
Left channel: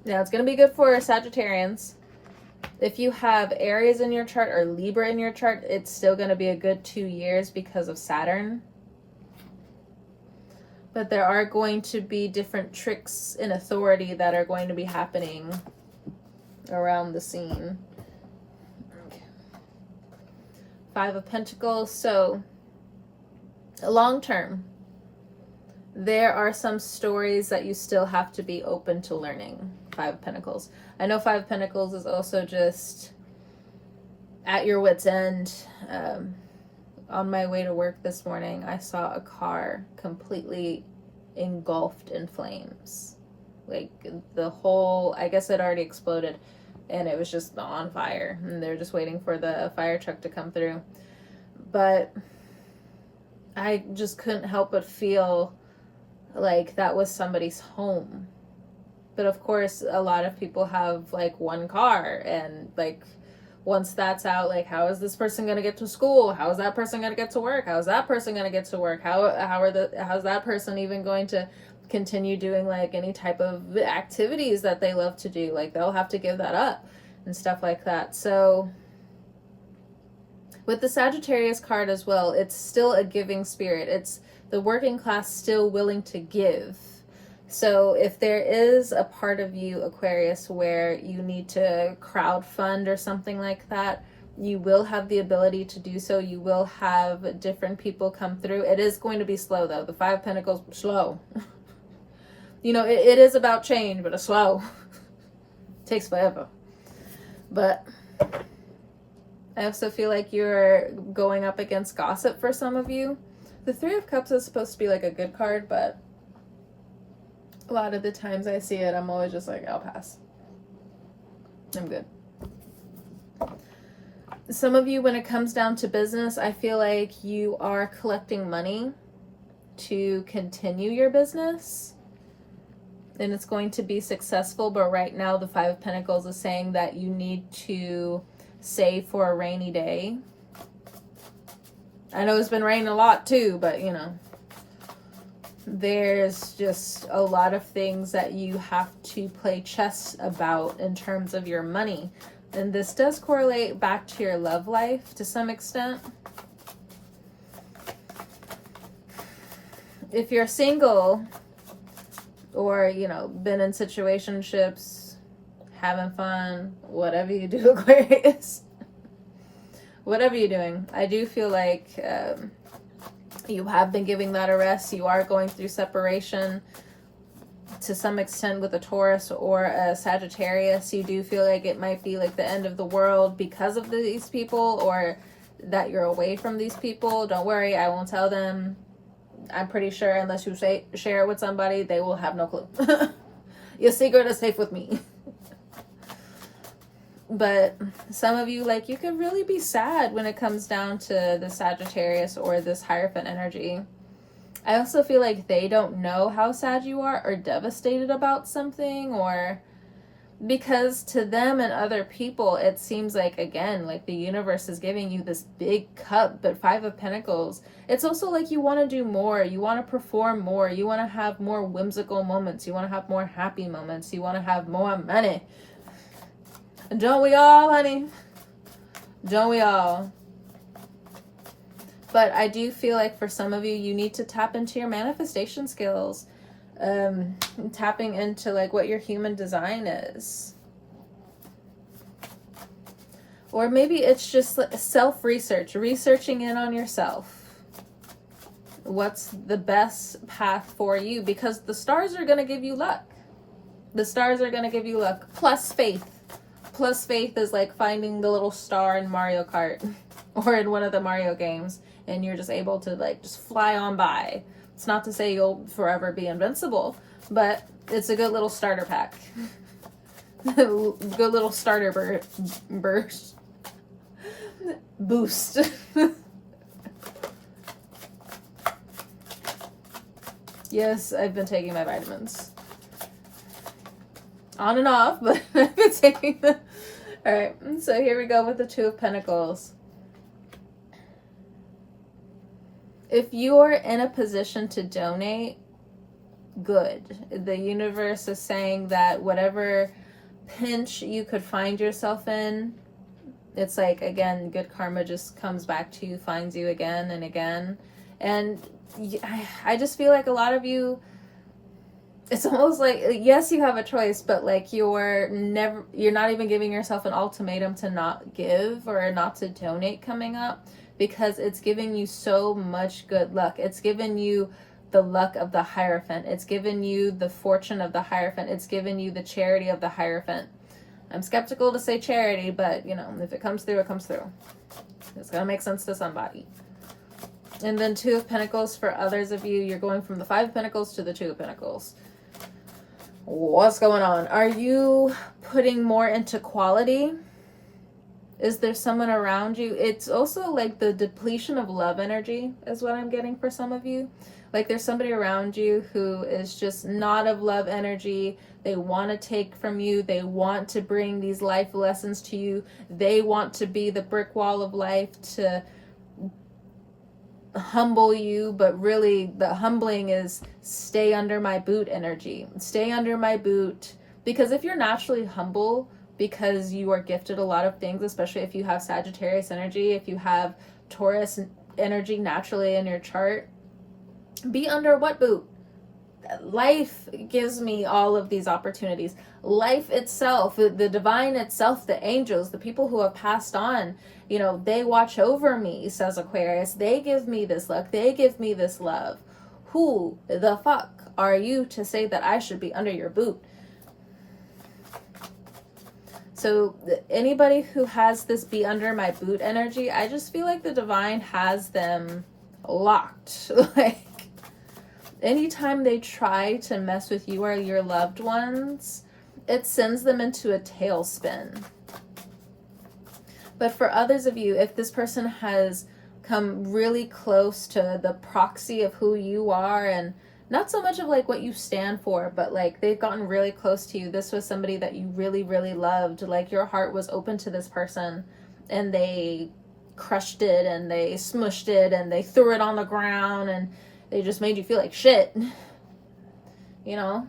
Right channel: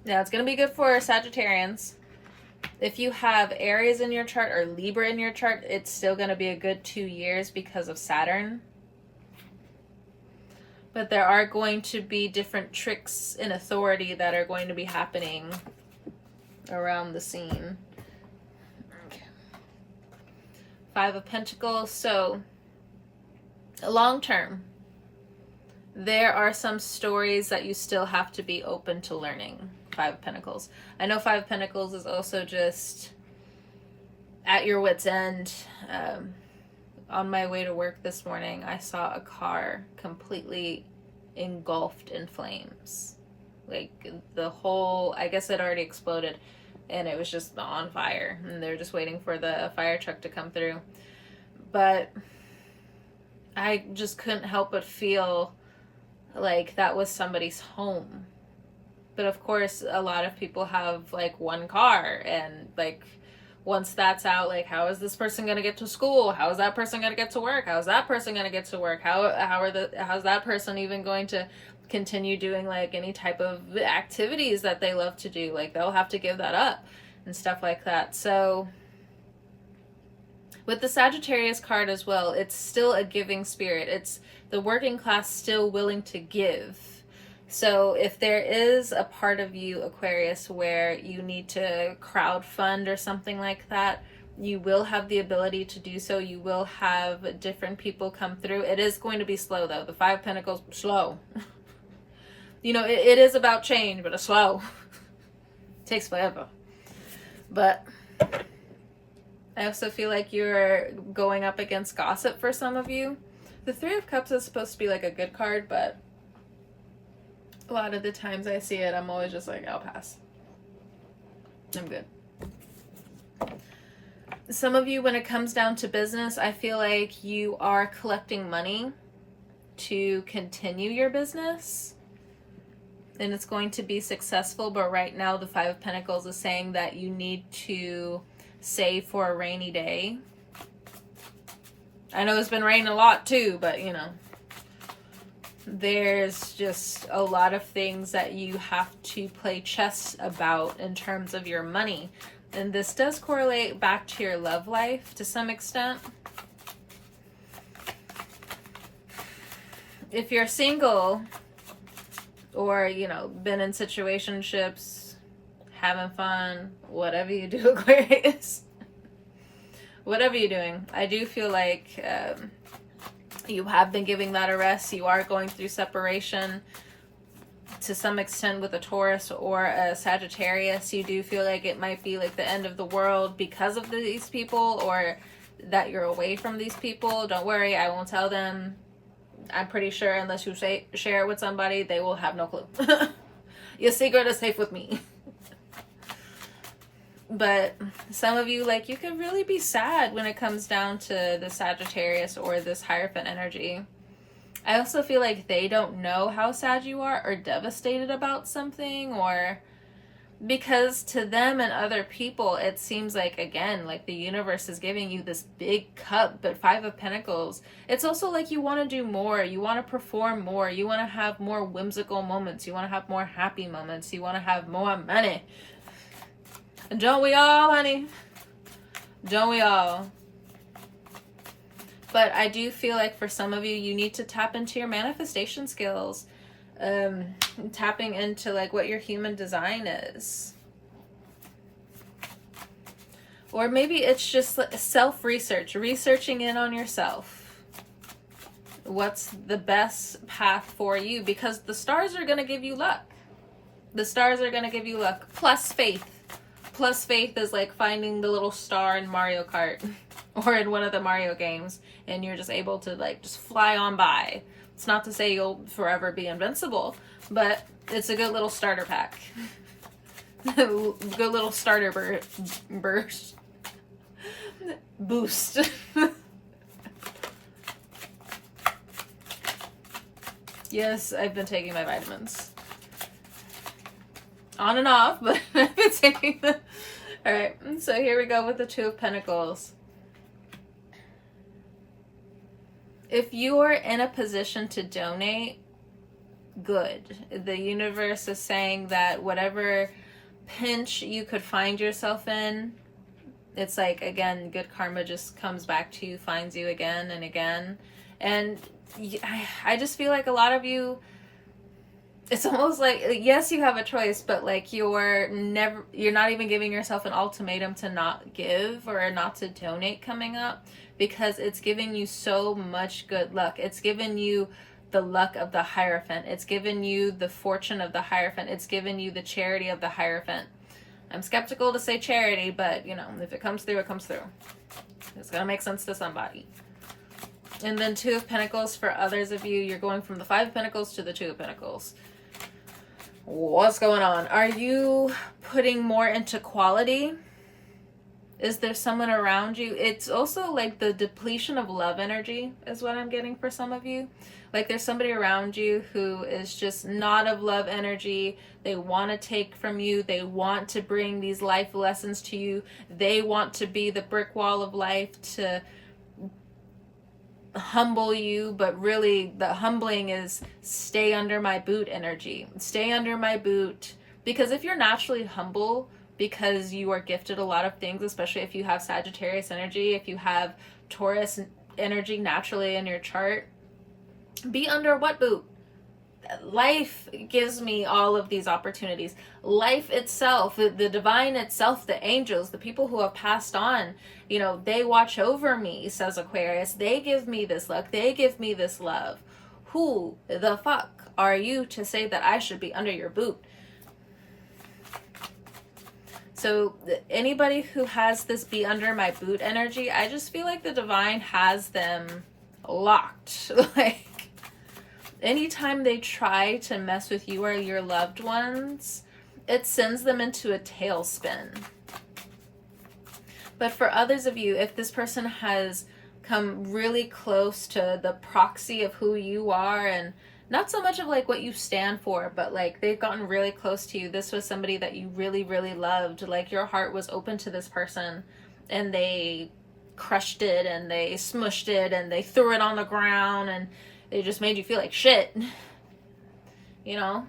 Now, it's gonna be good for Sagittarians. If you have Aries in your chart or Libra in your chart, it's still going to be a good 2 years because of Saturn. But there are going to be different tricks in authority that are going to be happening around the scene. Okay. 5 of Pentacles. So, long term, there are some stories that you still have to be open to learning. 5 of Pentacles. I know 5 of Pentacles is also just at your wit's end. On my way to work this morning, I saw a car completely engulfed in flames. Like the whole, I guess it already exploded and it was just on fire. And they're just waiting for the fire truck to come through. But I just couldn't help but feel like that was somebody's home. But of course, a lot of people have like one car, and like once that's out, like how is this person going to get to school? How is that person going to get to work? How is that person going to get to work? How's that person even going to continue doing like any type of activities that they love to do? Like they'll have to give that up and stuff like that. So with the Sagittarius card as well, it's still a giving spirit. It's the working class still willing to give. So if there is a part of you, Aquarius, where you need to crowdfund or something like that, You will have the ability to do so. You will have different people come through. It is going to be slow, though. The Five of Pentacles, slow. It is about change, but it's slow. It takes forever. But I also feel like you're going up against gossip for some of you. The Three of Cups is supposed to be like a good card, but a lot of the times I see it, I'm always just like, I'll pass. I'm good. Some of you, when it comes down to business, I feel like you are collecting money to continue your business. And it's going to be successful, but right now the Five of Pentacles is saying that you need to save for a rainy day. I know it's been raining a lot too, but there's just a lot of things that you have to play chess about in terms of your money. And this does correlate back to your love life to some extent. If you're single or, been in situationships, having fun, whatever you do, Aquarius, whatever you're doing, I do feel like you have been giving that a rest. You are going through separation to some extent with a Taurus or a Sagittarius. You do feel like it might be like the end of the world because of these people, or that you're away from these people. Don't worry, I won't tell them. I'm pretty sure unless you share it with somebody, they will have no clue. Your secret is safe with me. But some of you, you could really be sad when it comes down to the Sagittarius or this Hierophant energy. I also feel like they don't know how sad you are or devastated about something, or because to them and other people, it seems like, again, like the universe is giving you this big cup, but Five of Pentacles, it's also like you want to do more. You want to perform more. You want to have more whimsical moments. You want to have more happy moments. You want to have more money. Don't we all, honey? Don't we all? But I do feel like for some of you, you need to tap into your manifestation skills. Tapping into what your human design is. Or maybe it's just self-research, researching in on yourself. What's the best path for you? Because the stars are going to give you luck. The stars are going to give you luck. Plus faith. Plus faith is like finding the little star in Mario Kart or in one of the Mario games, and you're just able to just fly on by. It's not to say you'll forever be invincible, but it's a good little starter pack. Good little starter burst. Boost. Yes, I've been taking my vitamins. On and off, but I've been taking them. Alright, so here we go with the Two of Pentacles. If you are in a position to donate, good. The universe is saying that whatever pinch you could find yourself in, it's again, good karma just comes back to you, finds you again and again. And I just feel like a lot of you, it's almost yes, you have a choice, but you're not even giving yourself an ultimatum to not give or not to donate coming up, because it's giving you so much good luck. It's given you the luck of the Hierophant. It's given you the fortune of the Hierophant. It's given you the charity of the Hierophant. I'm skeptical to say charity, but if it comes through, it comes through. It's gonna make sense to somebody. And then Two of Pentacles for others of you, you're going from the Five of Pentacles to the Two of Pentacles. What's going on? Are you putting more into quality? Is there someone around you? It's also the depletion of love energy is what I'm getting for some of you. There's somebody around you who is just not of love energy. They want to take from you. They want to bring these life lessons to you. They want to be the brick wall of life to humble you, but really the humbling is stay under my boot energy. Stay under my boot. Because if you're naturally humble because you are gifted a lot of things, especially if you have Sagittarius energy, if you have Taurus energy naturally in your chart, be under what boot? life gives me all of these opportunities. Life itself, the divine itself, the angels, the people who have passed on, you know, they watch over me, says Aquarius. They give me this luck. They give me this love. Who the fuck are you to say that I should be under your boot? So anybody who has this be under my boot energy, I just feel like the divine has them locked. Like, anytime they try to mess with you or your loved ones, it sends them into a tailspin. But for others of you, if this person has come really close to the proxy of who you are, and not so much of like what you stand for, but like they've gotten really close to you. This was somebody that you really, really loved. Like your heart was open to this person, and they crushed it, and they smushed it, and they threw it on the ground, and they just made you feel like shit. You know?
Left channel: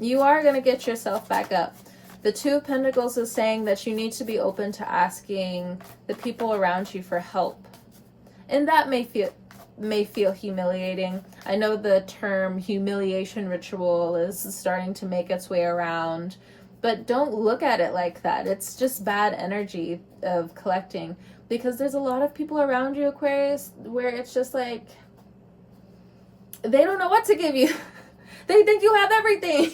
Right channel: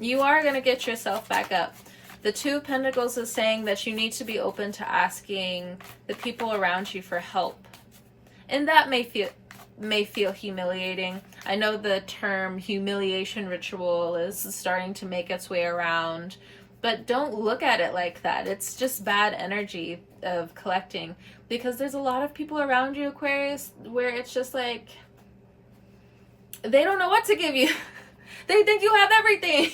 You are going to get yourself back up. The Two of Pentacles is saying that you need to be open to asking the people around you for help. And that may feel humiliating. I know the term humiliation ritual is starting to make its way around, but don't look at it like that. It's just bad energy of collecting, because there's a lot of people around you, Aquarius, where it's just like they don't know what to give you. They think you have everything.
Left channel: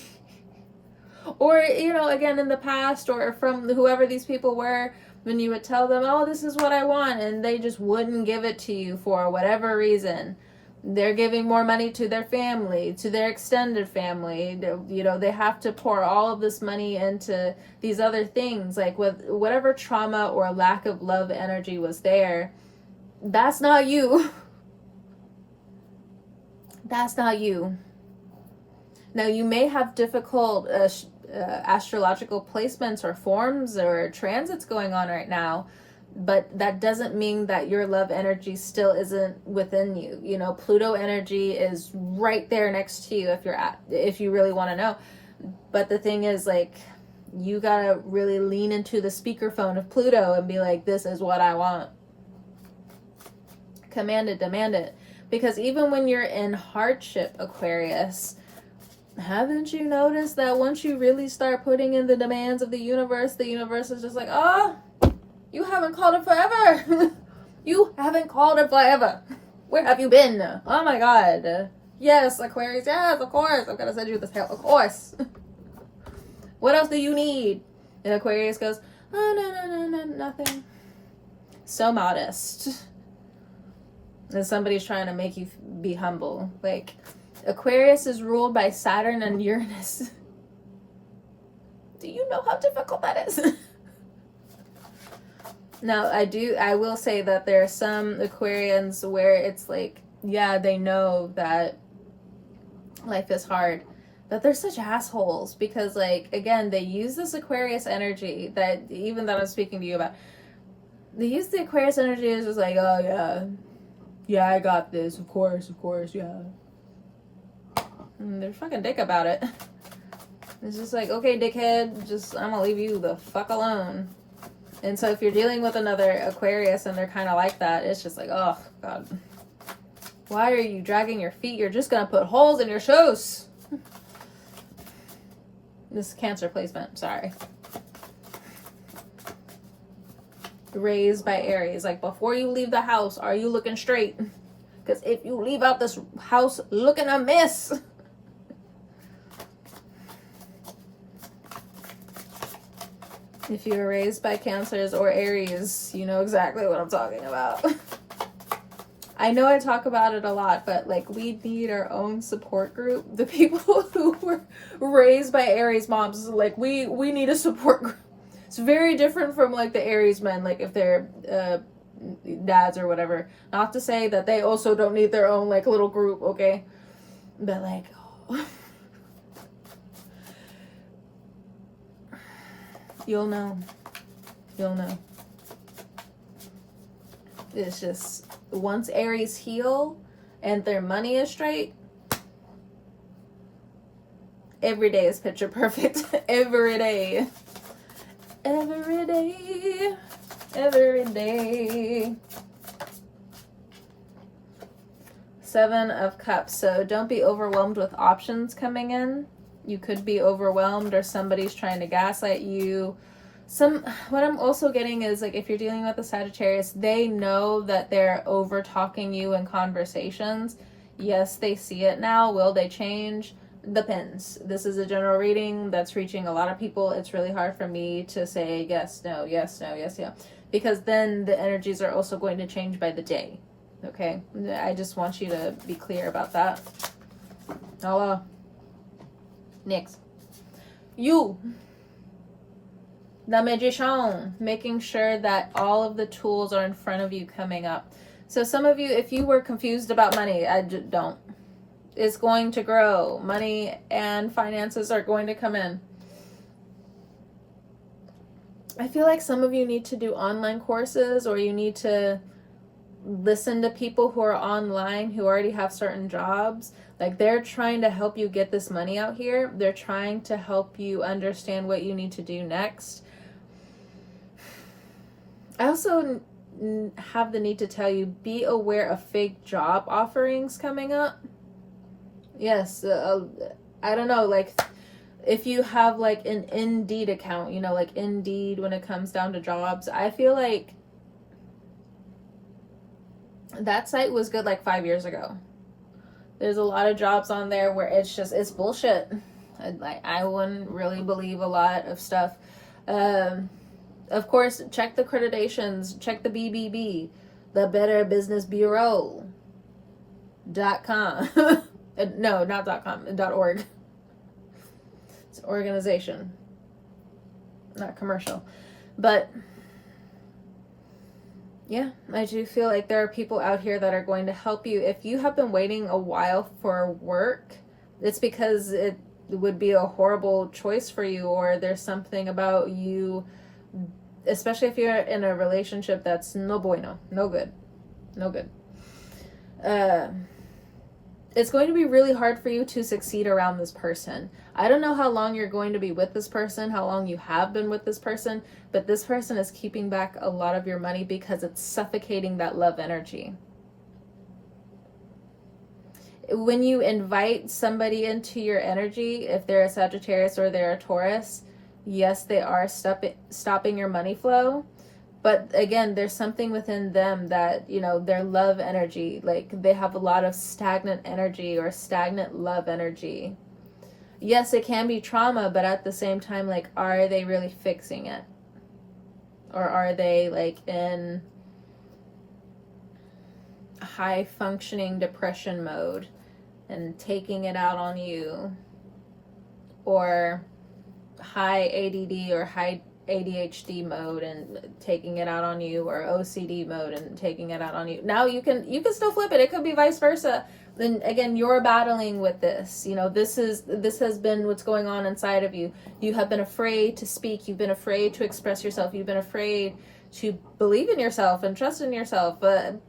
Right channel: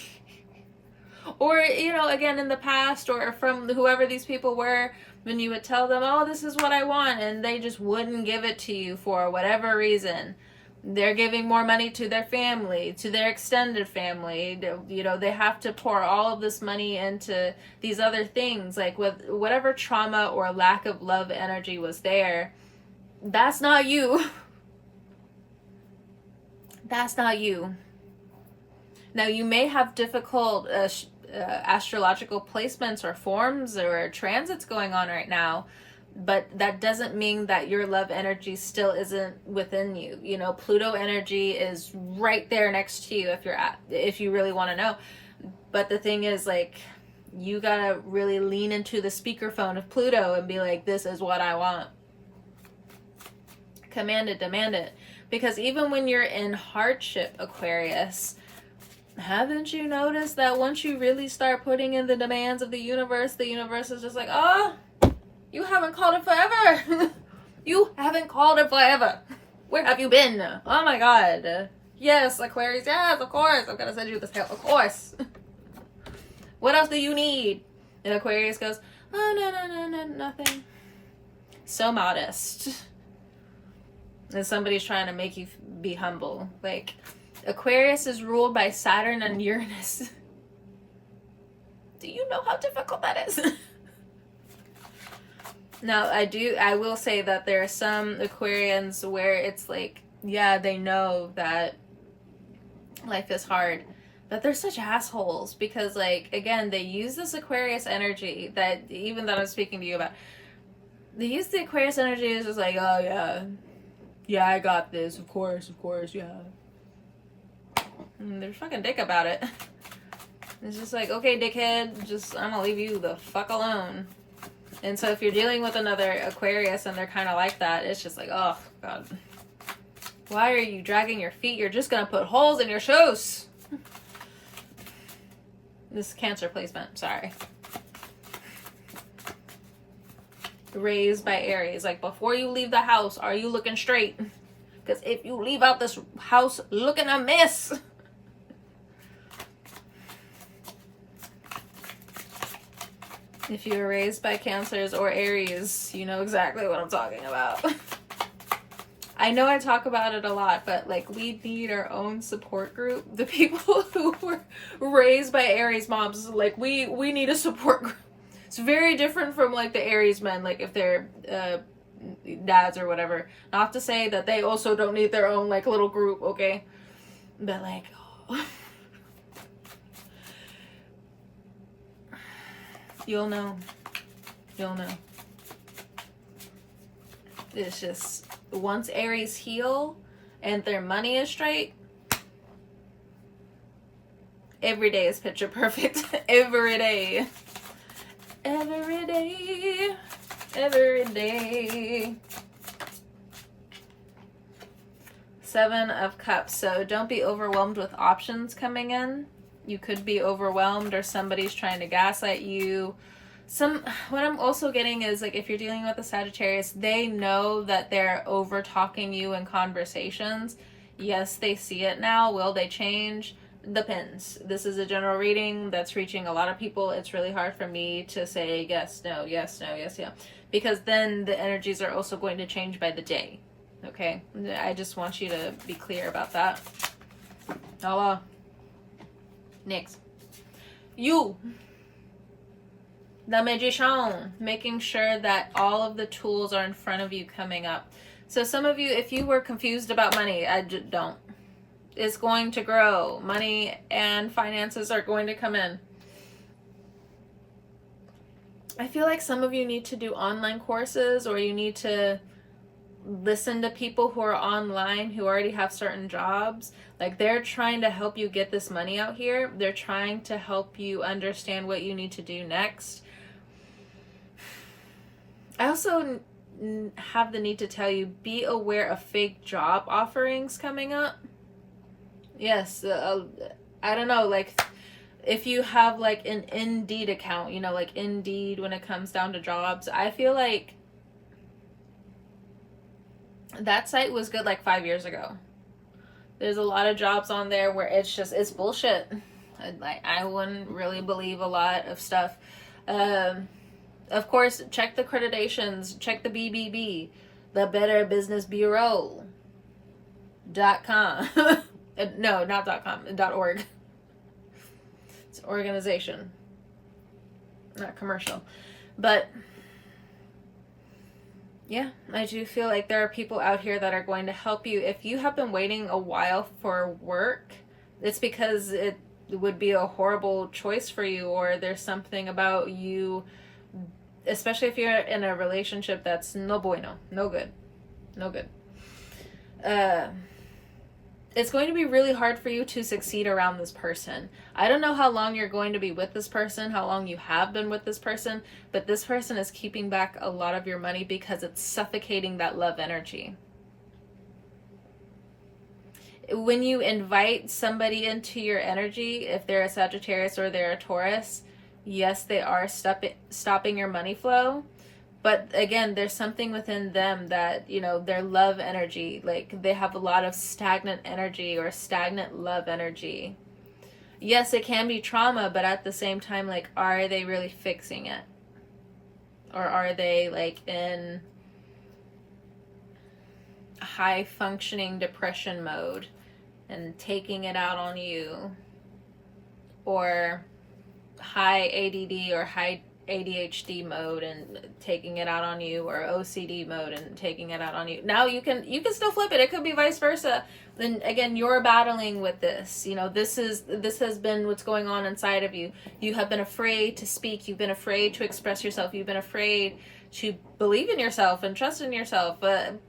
Or, you know, again, in the past, or from whoever these people were, when you would tell them, oh, this is what I want, and they just wouldn't give it to you for whatever reason. They're giving more money to their family, to their extended family. You know, they have to pour all of this money into these other things. Like, with whatever trauma or lack of love energy was there, that's not you. That's not you. Now, you may have difficult astrological placements or forms or transits going on right now, but that doesn't mean that your love energy still isn't within you. You know, Pluto energy is right there next to you if you really want to know. But the thing is, like, you gotta really lean into the speakerphone of Pluto and be like, this is what I want. Command it, demand it. Because even when you're in hardship, Aquarius, haven't you noticed that once you really start putting in the demands of the universe is just like, oh, you haven't called it forever. You haven't called it forever. Where have you been? Oh my God. Yes, Aquarius. Yes, of course. I'm going to send you this help. Of course. What else do you need? And Aquarius goes, oh, no, nothing. So modest. And somebody's trying to make you be humble. Like, Aquarius is ruled by Saturn and Uranus. Do you know how difficult that is? Now, I will say that there are some Aquarians where it's like, yeah, they know that life is hard, but they're such assholes because, like, again, they use this Aquarius energy that I'm speaking to you about. They use the Aquarius energy as just like, oh, yeah, I got this, of course, yeah. And they're fucking dick about it. It's just like, okay, dickhead, I'm gonna leave you the fuck alone. And so if you're dealing with another Aquarius and they're kind of like that, it's just like, oh, God. Why are you dragging your feet? You're just gonna put holes in your shoes. This is Cancer placement, sorry. Raised by Aries. Like, before you leave the house, are you looking straight? Because if you leave out this house looking a mess... If you were raised by Cancers or Aries, you know exactly what I'm talking about. I know I talk about it a lot, but like, we need our own support group. The people who were raised by Aries moms, like, we need a support group. It's very different from like the Aries men, like if they're dads or whatever. Not to say that they also don't need their own like little group, okay? But like, oh. You'll know. It's just, once Aries heal and their money is straight, every day is picture perfect. Every day. Seven of Cups. So don't be overwhelmed with options coming in. You could be overwhelmed, or somebody's trying to gaslight you. What I'm also getting is, like, if you're dealing with a Sagittarius, they know that they're over talking you in conversations. Yes, they see it now. Will they change? Depends. This is a general reading that's reaching a lot of people. It's really hard for me to say yes, no, yes, no, yes, yeah, because then the energies are also going to change by the day. Okay, I just want you to be clear about that. Hello. Next, you, the Magician, making sure that all of the tools are in front of you coming up. So some of you, if you were confused about money, don't. It's going to grow. Money and finances are going to come in. I feel like some of you need to do online courses, or you need to listen to people who are online who already have certain jobs. Like, they're trying to help you get this money out here. They're trying to help you understand what you need to do next. I also have the need to tell you, be aware of fake job offerings coming up. Yes, I don't know, like, if you have like an Indeed account, you know, like Indeed, when it comes down to jobs, I feel like that site was good like 5 years ago. There's a lot of jobs on there where it's bullshit. I wouldn't really believe a lot of stuff. Of course, check the accreditations, check the BBB, the Better Business Bureau.com. No, not .com, .org. It's an organization, not commercial. But yeah, I do feel like there are people out here that are going to help you. If you have been waiting a while for work, it's because it would be a horrible choice for you, or there's something about you, especially if you're in a relationship that's no bueno, no good. It's going to be really hard for you to succeed around this person. I don't know how long you're going to be with this person, how long you have been with this person, but this person is keeping back a lot of your money because it's suffocating that love energy. When you invite somebody into your energy, if they're a Sagittarius or they're a Taurus, yes, they are stopping your money flow. But again, there's something within them that, you know, their love energy, like they have a lot of stagnant energy or stagnant love energy. Yes, it can be trauma, but at the same time, like, are they really fixing it? Or are they like in high functioning depression mode and taking it out on you? Or high ADD or high ADHD mode and taking it out on you, or OCD mode and taking it out on you. Now you can still flip it. It could be vice versa. Then again, you're battling with this. You know, this has been what's going on inside of you. You have been afraid to speak. You've been afraid to express yourself. You've been afraid to believe in yourself and trust in yourself. But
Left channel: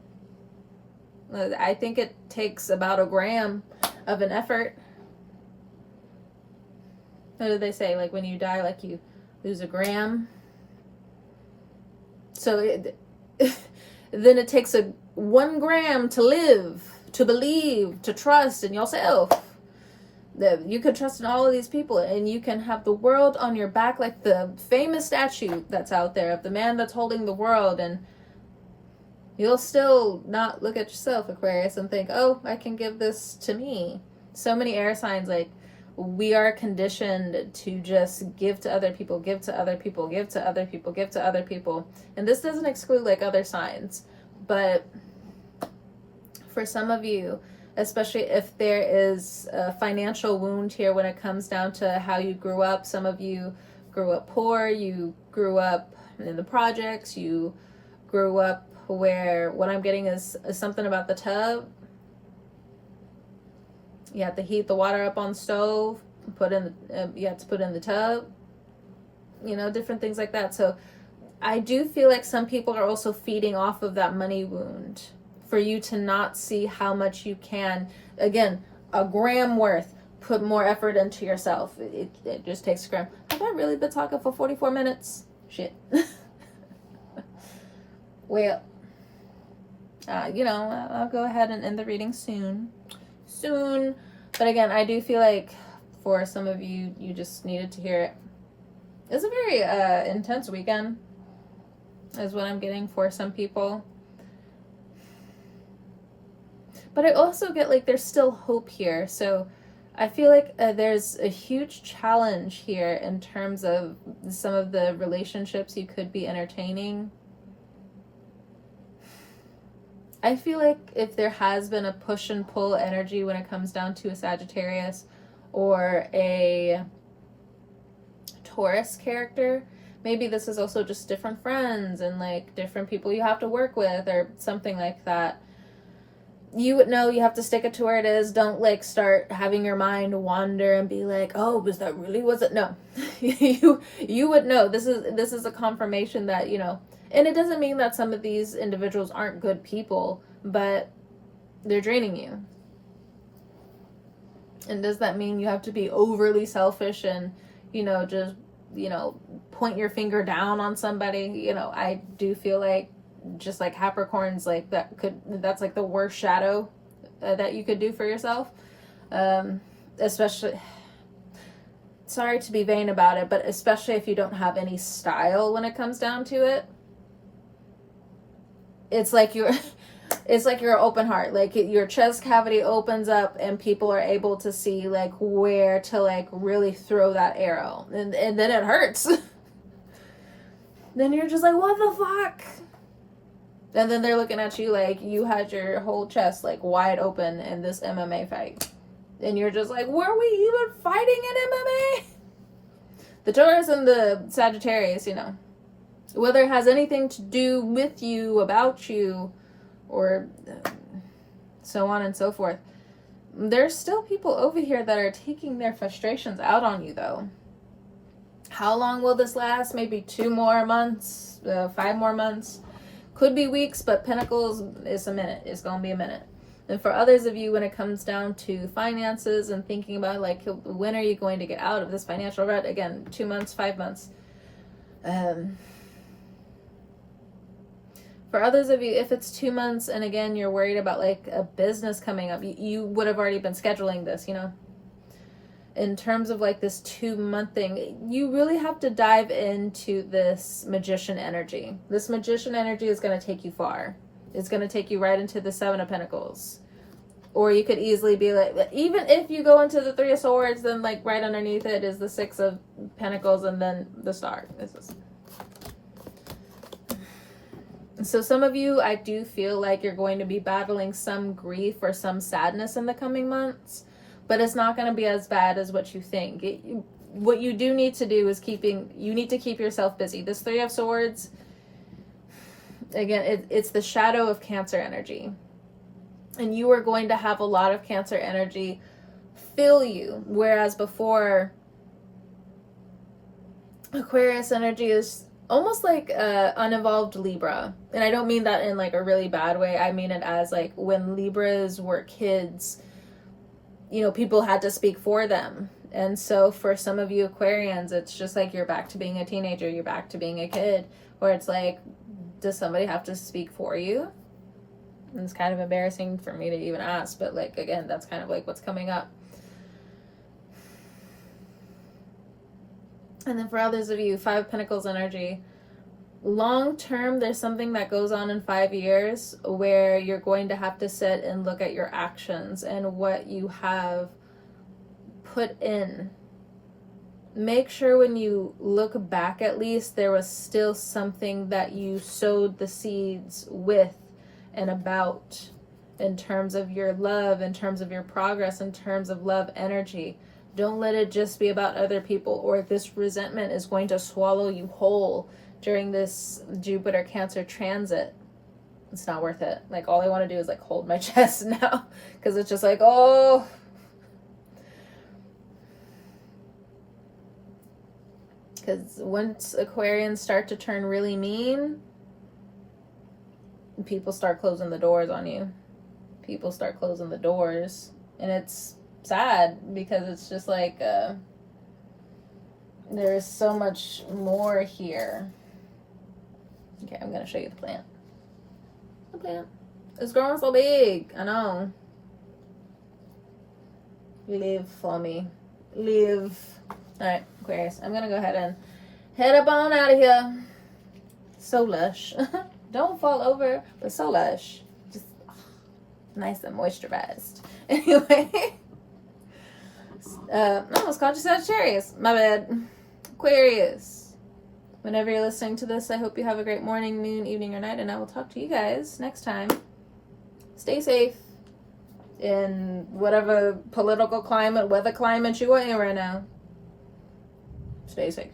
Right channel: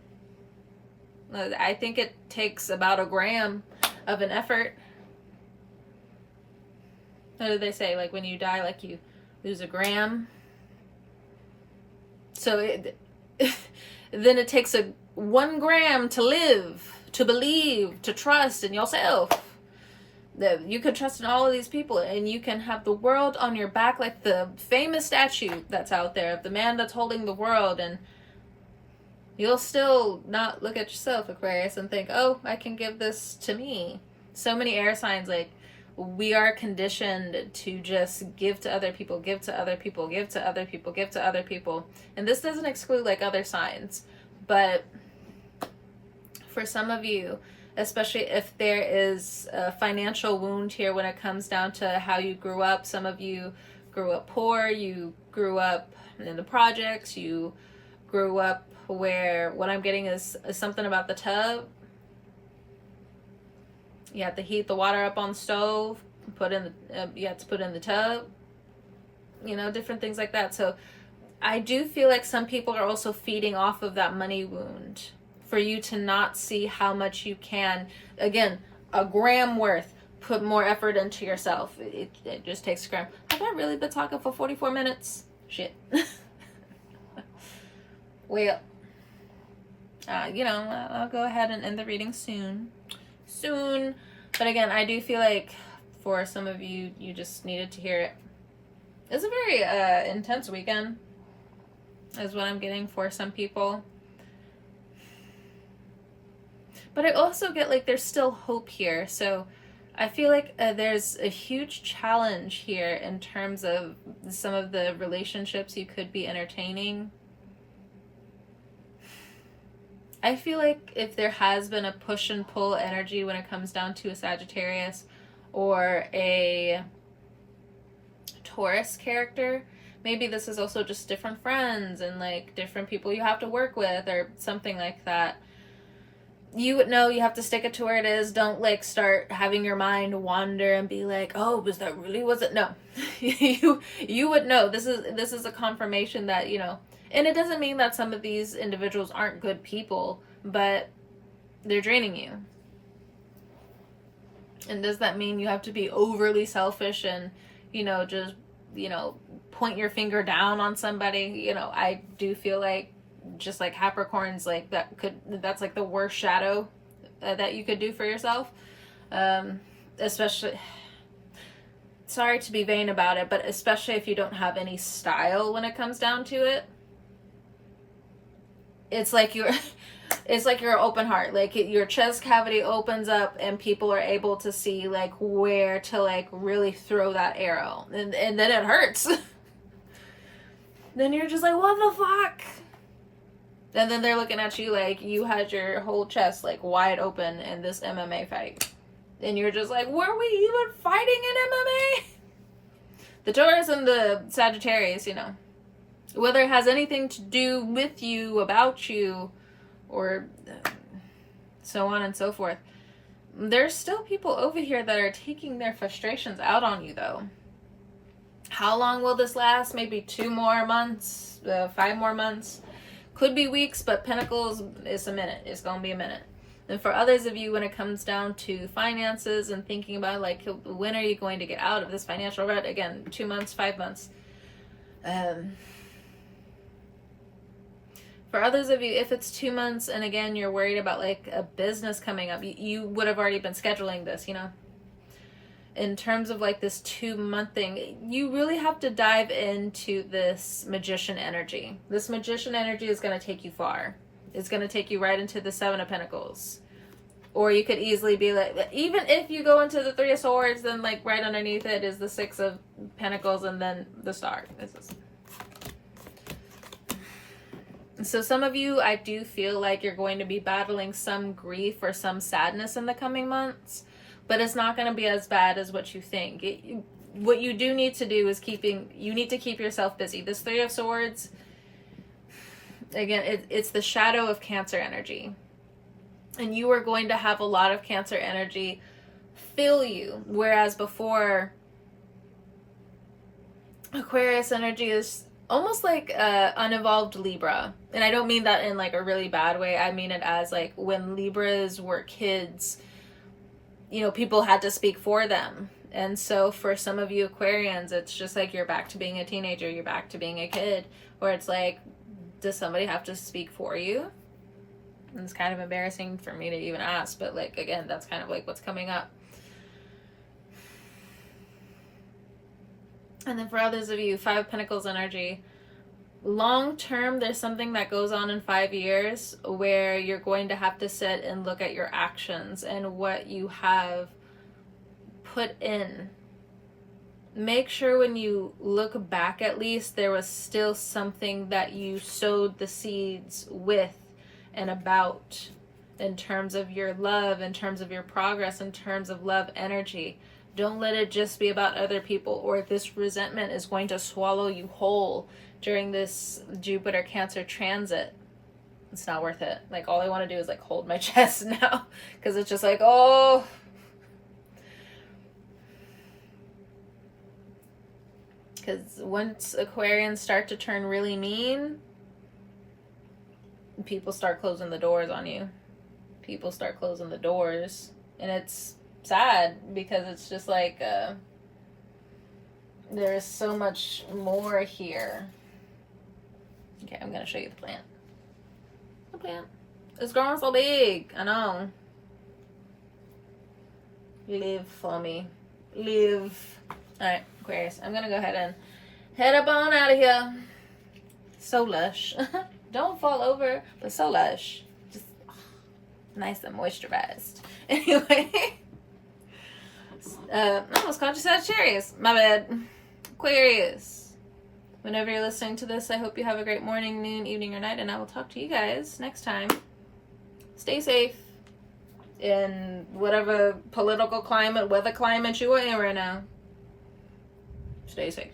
I think it takes about a gram of an effort. What do they say? Like, when you die, like, you lose a gram. So then it takes 1 gram to live, to believe, to trust in yourself. That you can trust in all of these people, and you can have the world on your back, like the famous statue that's out there of the man that's holding the world, and you'll still not look at yourself, Aquarius, and think, oh, I can give this to me. So many air signs, like, we are conditioned to just give to other people, give to other people, give to other people, give to other people. And this doesn't exclude like other signs, but for some of you, especially if there is a financial wound here when it comes down to how you grew up. Some of you grew up poor, you grew up in the projects, you grew up where what I'm getting is something about the tub. You have to heat the water up on the stove, you have to put in the tub, you know, different things like that. So I do feel like some people are also feeding off of that money wound for you to not see how much you can, again, a gram worth, put more effort into yourself. It just takes a gram. Have I really been talking for 44 minutes? Shit. Well, I'll go ahead and end the reading soon. But again, I do feel like for some of you, you just needed to hear it. It's a very intense weekend, is what I'm getting for some people. But I also get like there's still hope here. So I feel like there's a huge challenge here in terms of some of the relationships you could be entertaining. I feel like if there has been a push and pull energy when it comes down to a Sagittarius or a Taurus character, maybe this is also just different friends and like different people you have to work with or something like that. You would know you have to stick it to where it is. Don't like start having your mind wander and be like, oh, was it? No. you would know. This is a confirmation that, and it doesn't mean that some of these individuals aren't good people, but they're draining you. And does that mean you have to be overly selfish and, just, point your finger down on somebody? I do feel like just like Capricorns, like that's like the worst shadow that you could do for yourself. Especially, sorry to be vain about it, but especially if you don't have any style when it comes down to it. It's like you're open heart, like your chest cavity opens up and people are able to see like where to like really throw that arrow, and then it hurts. Then you're just like, what the fuck? And then they're looking at you like you had your whole chest like wide open in this MMA fight. And you're just like, were we even fighting in MMA? The Taurus and the Sagittarius, whether it has anything to do with you, about you, or so on and so forth. There's still people over here that are taking their frustrations out on you, though. How long will this last? Maybe 2 more months, 5 more months. Could be weeks, but Pentacles is a minute. It's going to be a minute. And for others of you, when it comes down to finances and thinking about, like, when are you going to get out of this financial rut? Again, 2 months, 5 months. For others of you, if it's 2 months and again, you're worried about like a business coming up, you would have already been scheduling this, In terms of like this 2-month thing, you really have to dive into this magician energy. This magician energy is going to take you far. It's going to take you right into the 7 of Pentacles. Or you could easily be like, even if you go into the 3 of Swords, then like right underneath it is the 6 of Pentacles and then the Star. So some of you, I do feel like you're going to be battling some grief or some sadness in the coming months, but it's not going to be as bad as what you think. What you do need to do is you need to keep yourself busy. This 3 of Swords, again, it's the shadow of Cancer energy. And you are going to have a lot of Cancer energy fill you, whereas before, Aquarius energy is almost like unevolved Libra. And I don't mean that in like a really bad way. I mean it as like when Libras were kids, people had to speak for them. And so for some of you Aquarians, it's just like you're back to being a teenager, you're back to being a kid, where it's like, does somebody have to speak for you? And it's kind of embarrassing for me to even ask, but like, again, that's kind of like what's coming up. And then for others of you, 5 of Pentacles energy. Long term, there's something that goes on in 5 years where you're going to have to sit and look at your actions and what you have put in. Make sure when you look back, at least there was still something that you sowed the seeds with and about, in terms of your love, in terms of your progress, in terms of love energy. Don't let it just be about other people, or this resentment is going to swallow you whole during this Jupiter Cancer transit. It's not worth it. Like, all I want to do is like hold my chest now, because it's just like, oh. Because once Aquarians start to turn really mean, people start closing the doors on you. People start closing the doors, and it's sad because it's just like there's so much more here. Okay, I'm gonna show you the plant. It's growing so big. I know. Live for me. Live. Alright, Aquarius. I'm gonna go ahead and head up on out of here. So lush. Don't fall over, but so lush. Just nice and moisturized. Anyway. I almost called you Sagittarius. My bad. Aquarius. Whenever you're listening to this, I hope you have a great morning, noon, evening, or night, and I will talk to you guys next time. Stay safe in whatever political climate, weather climate you are in right now. Stay safe.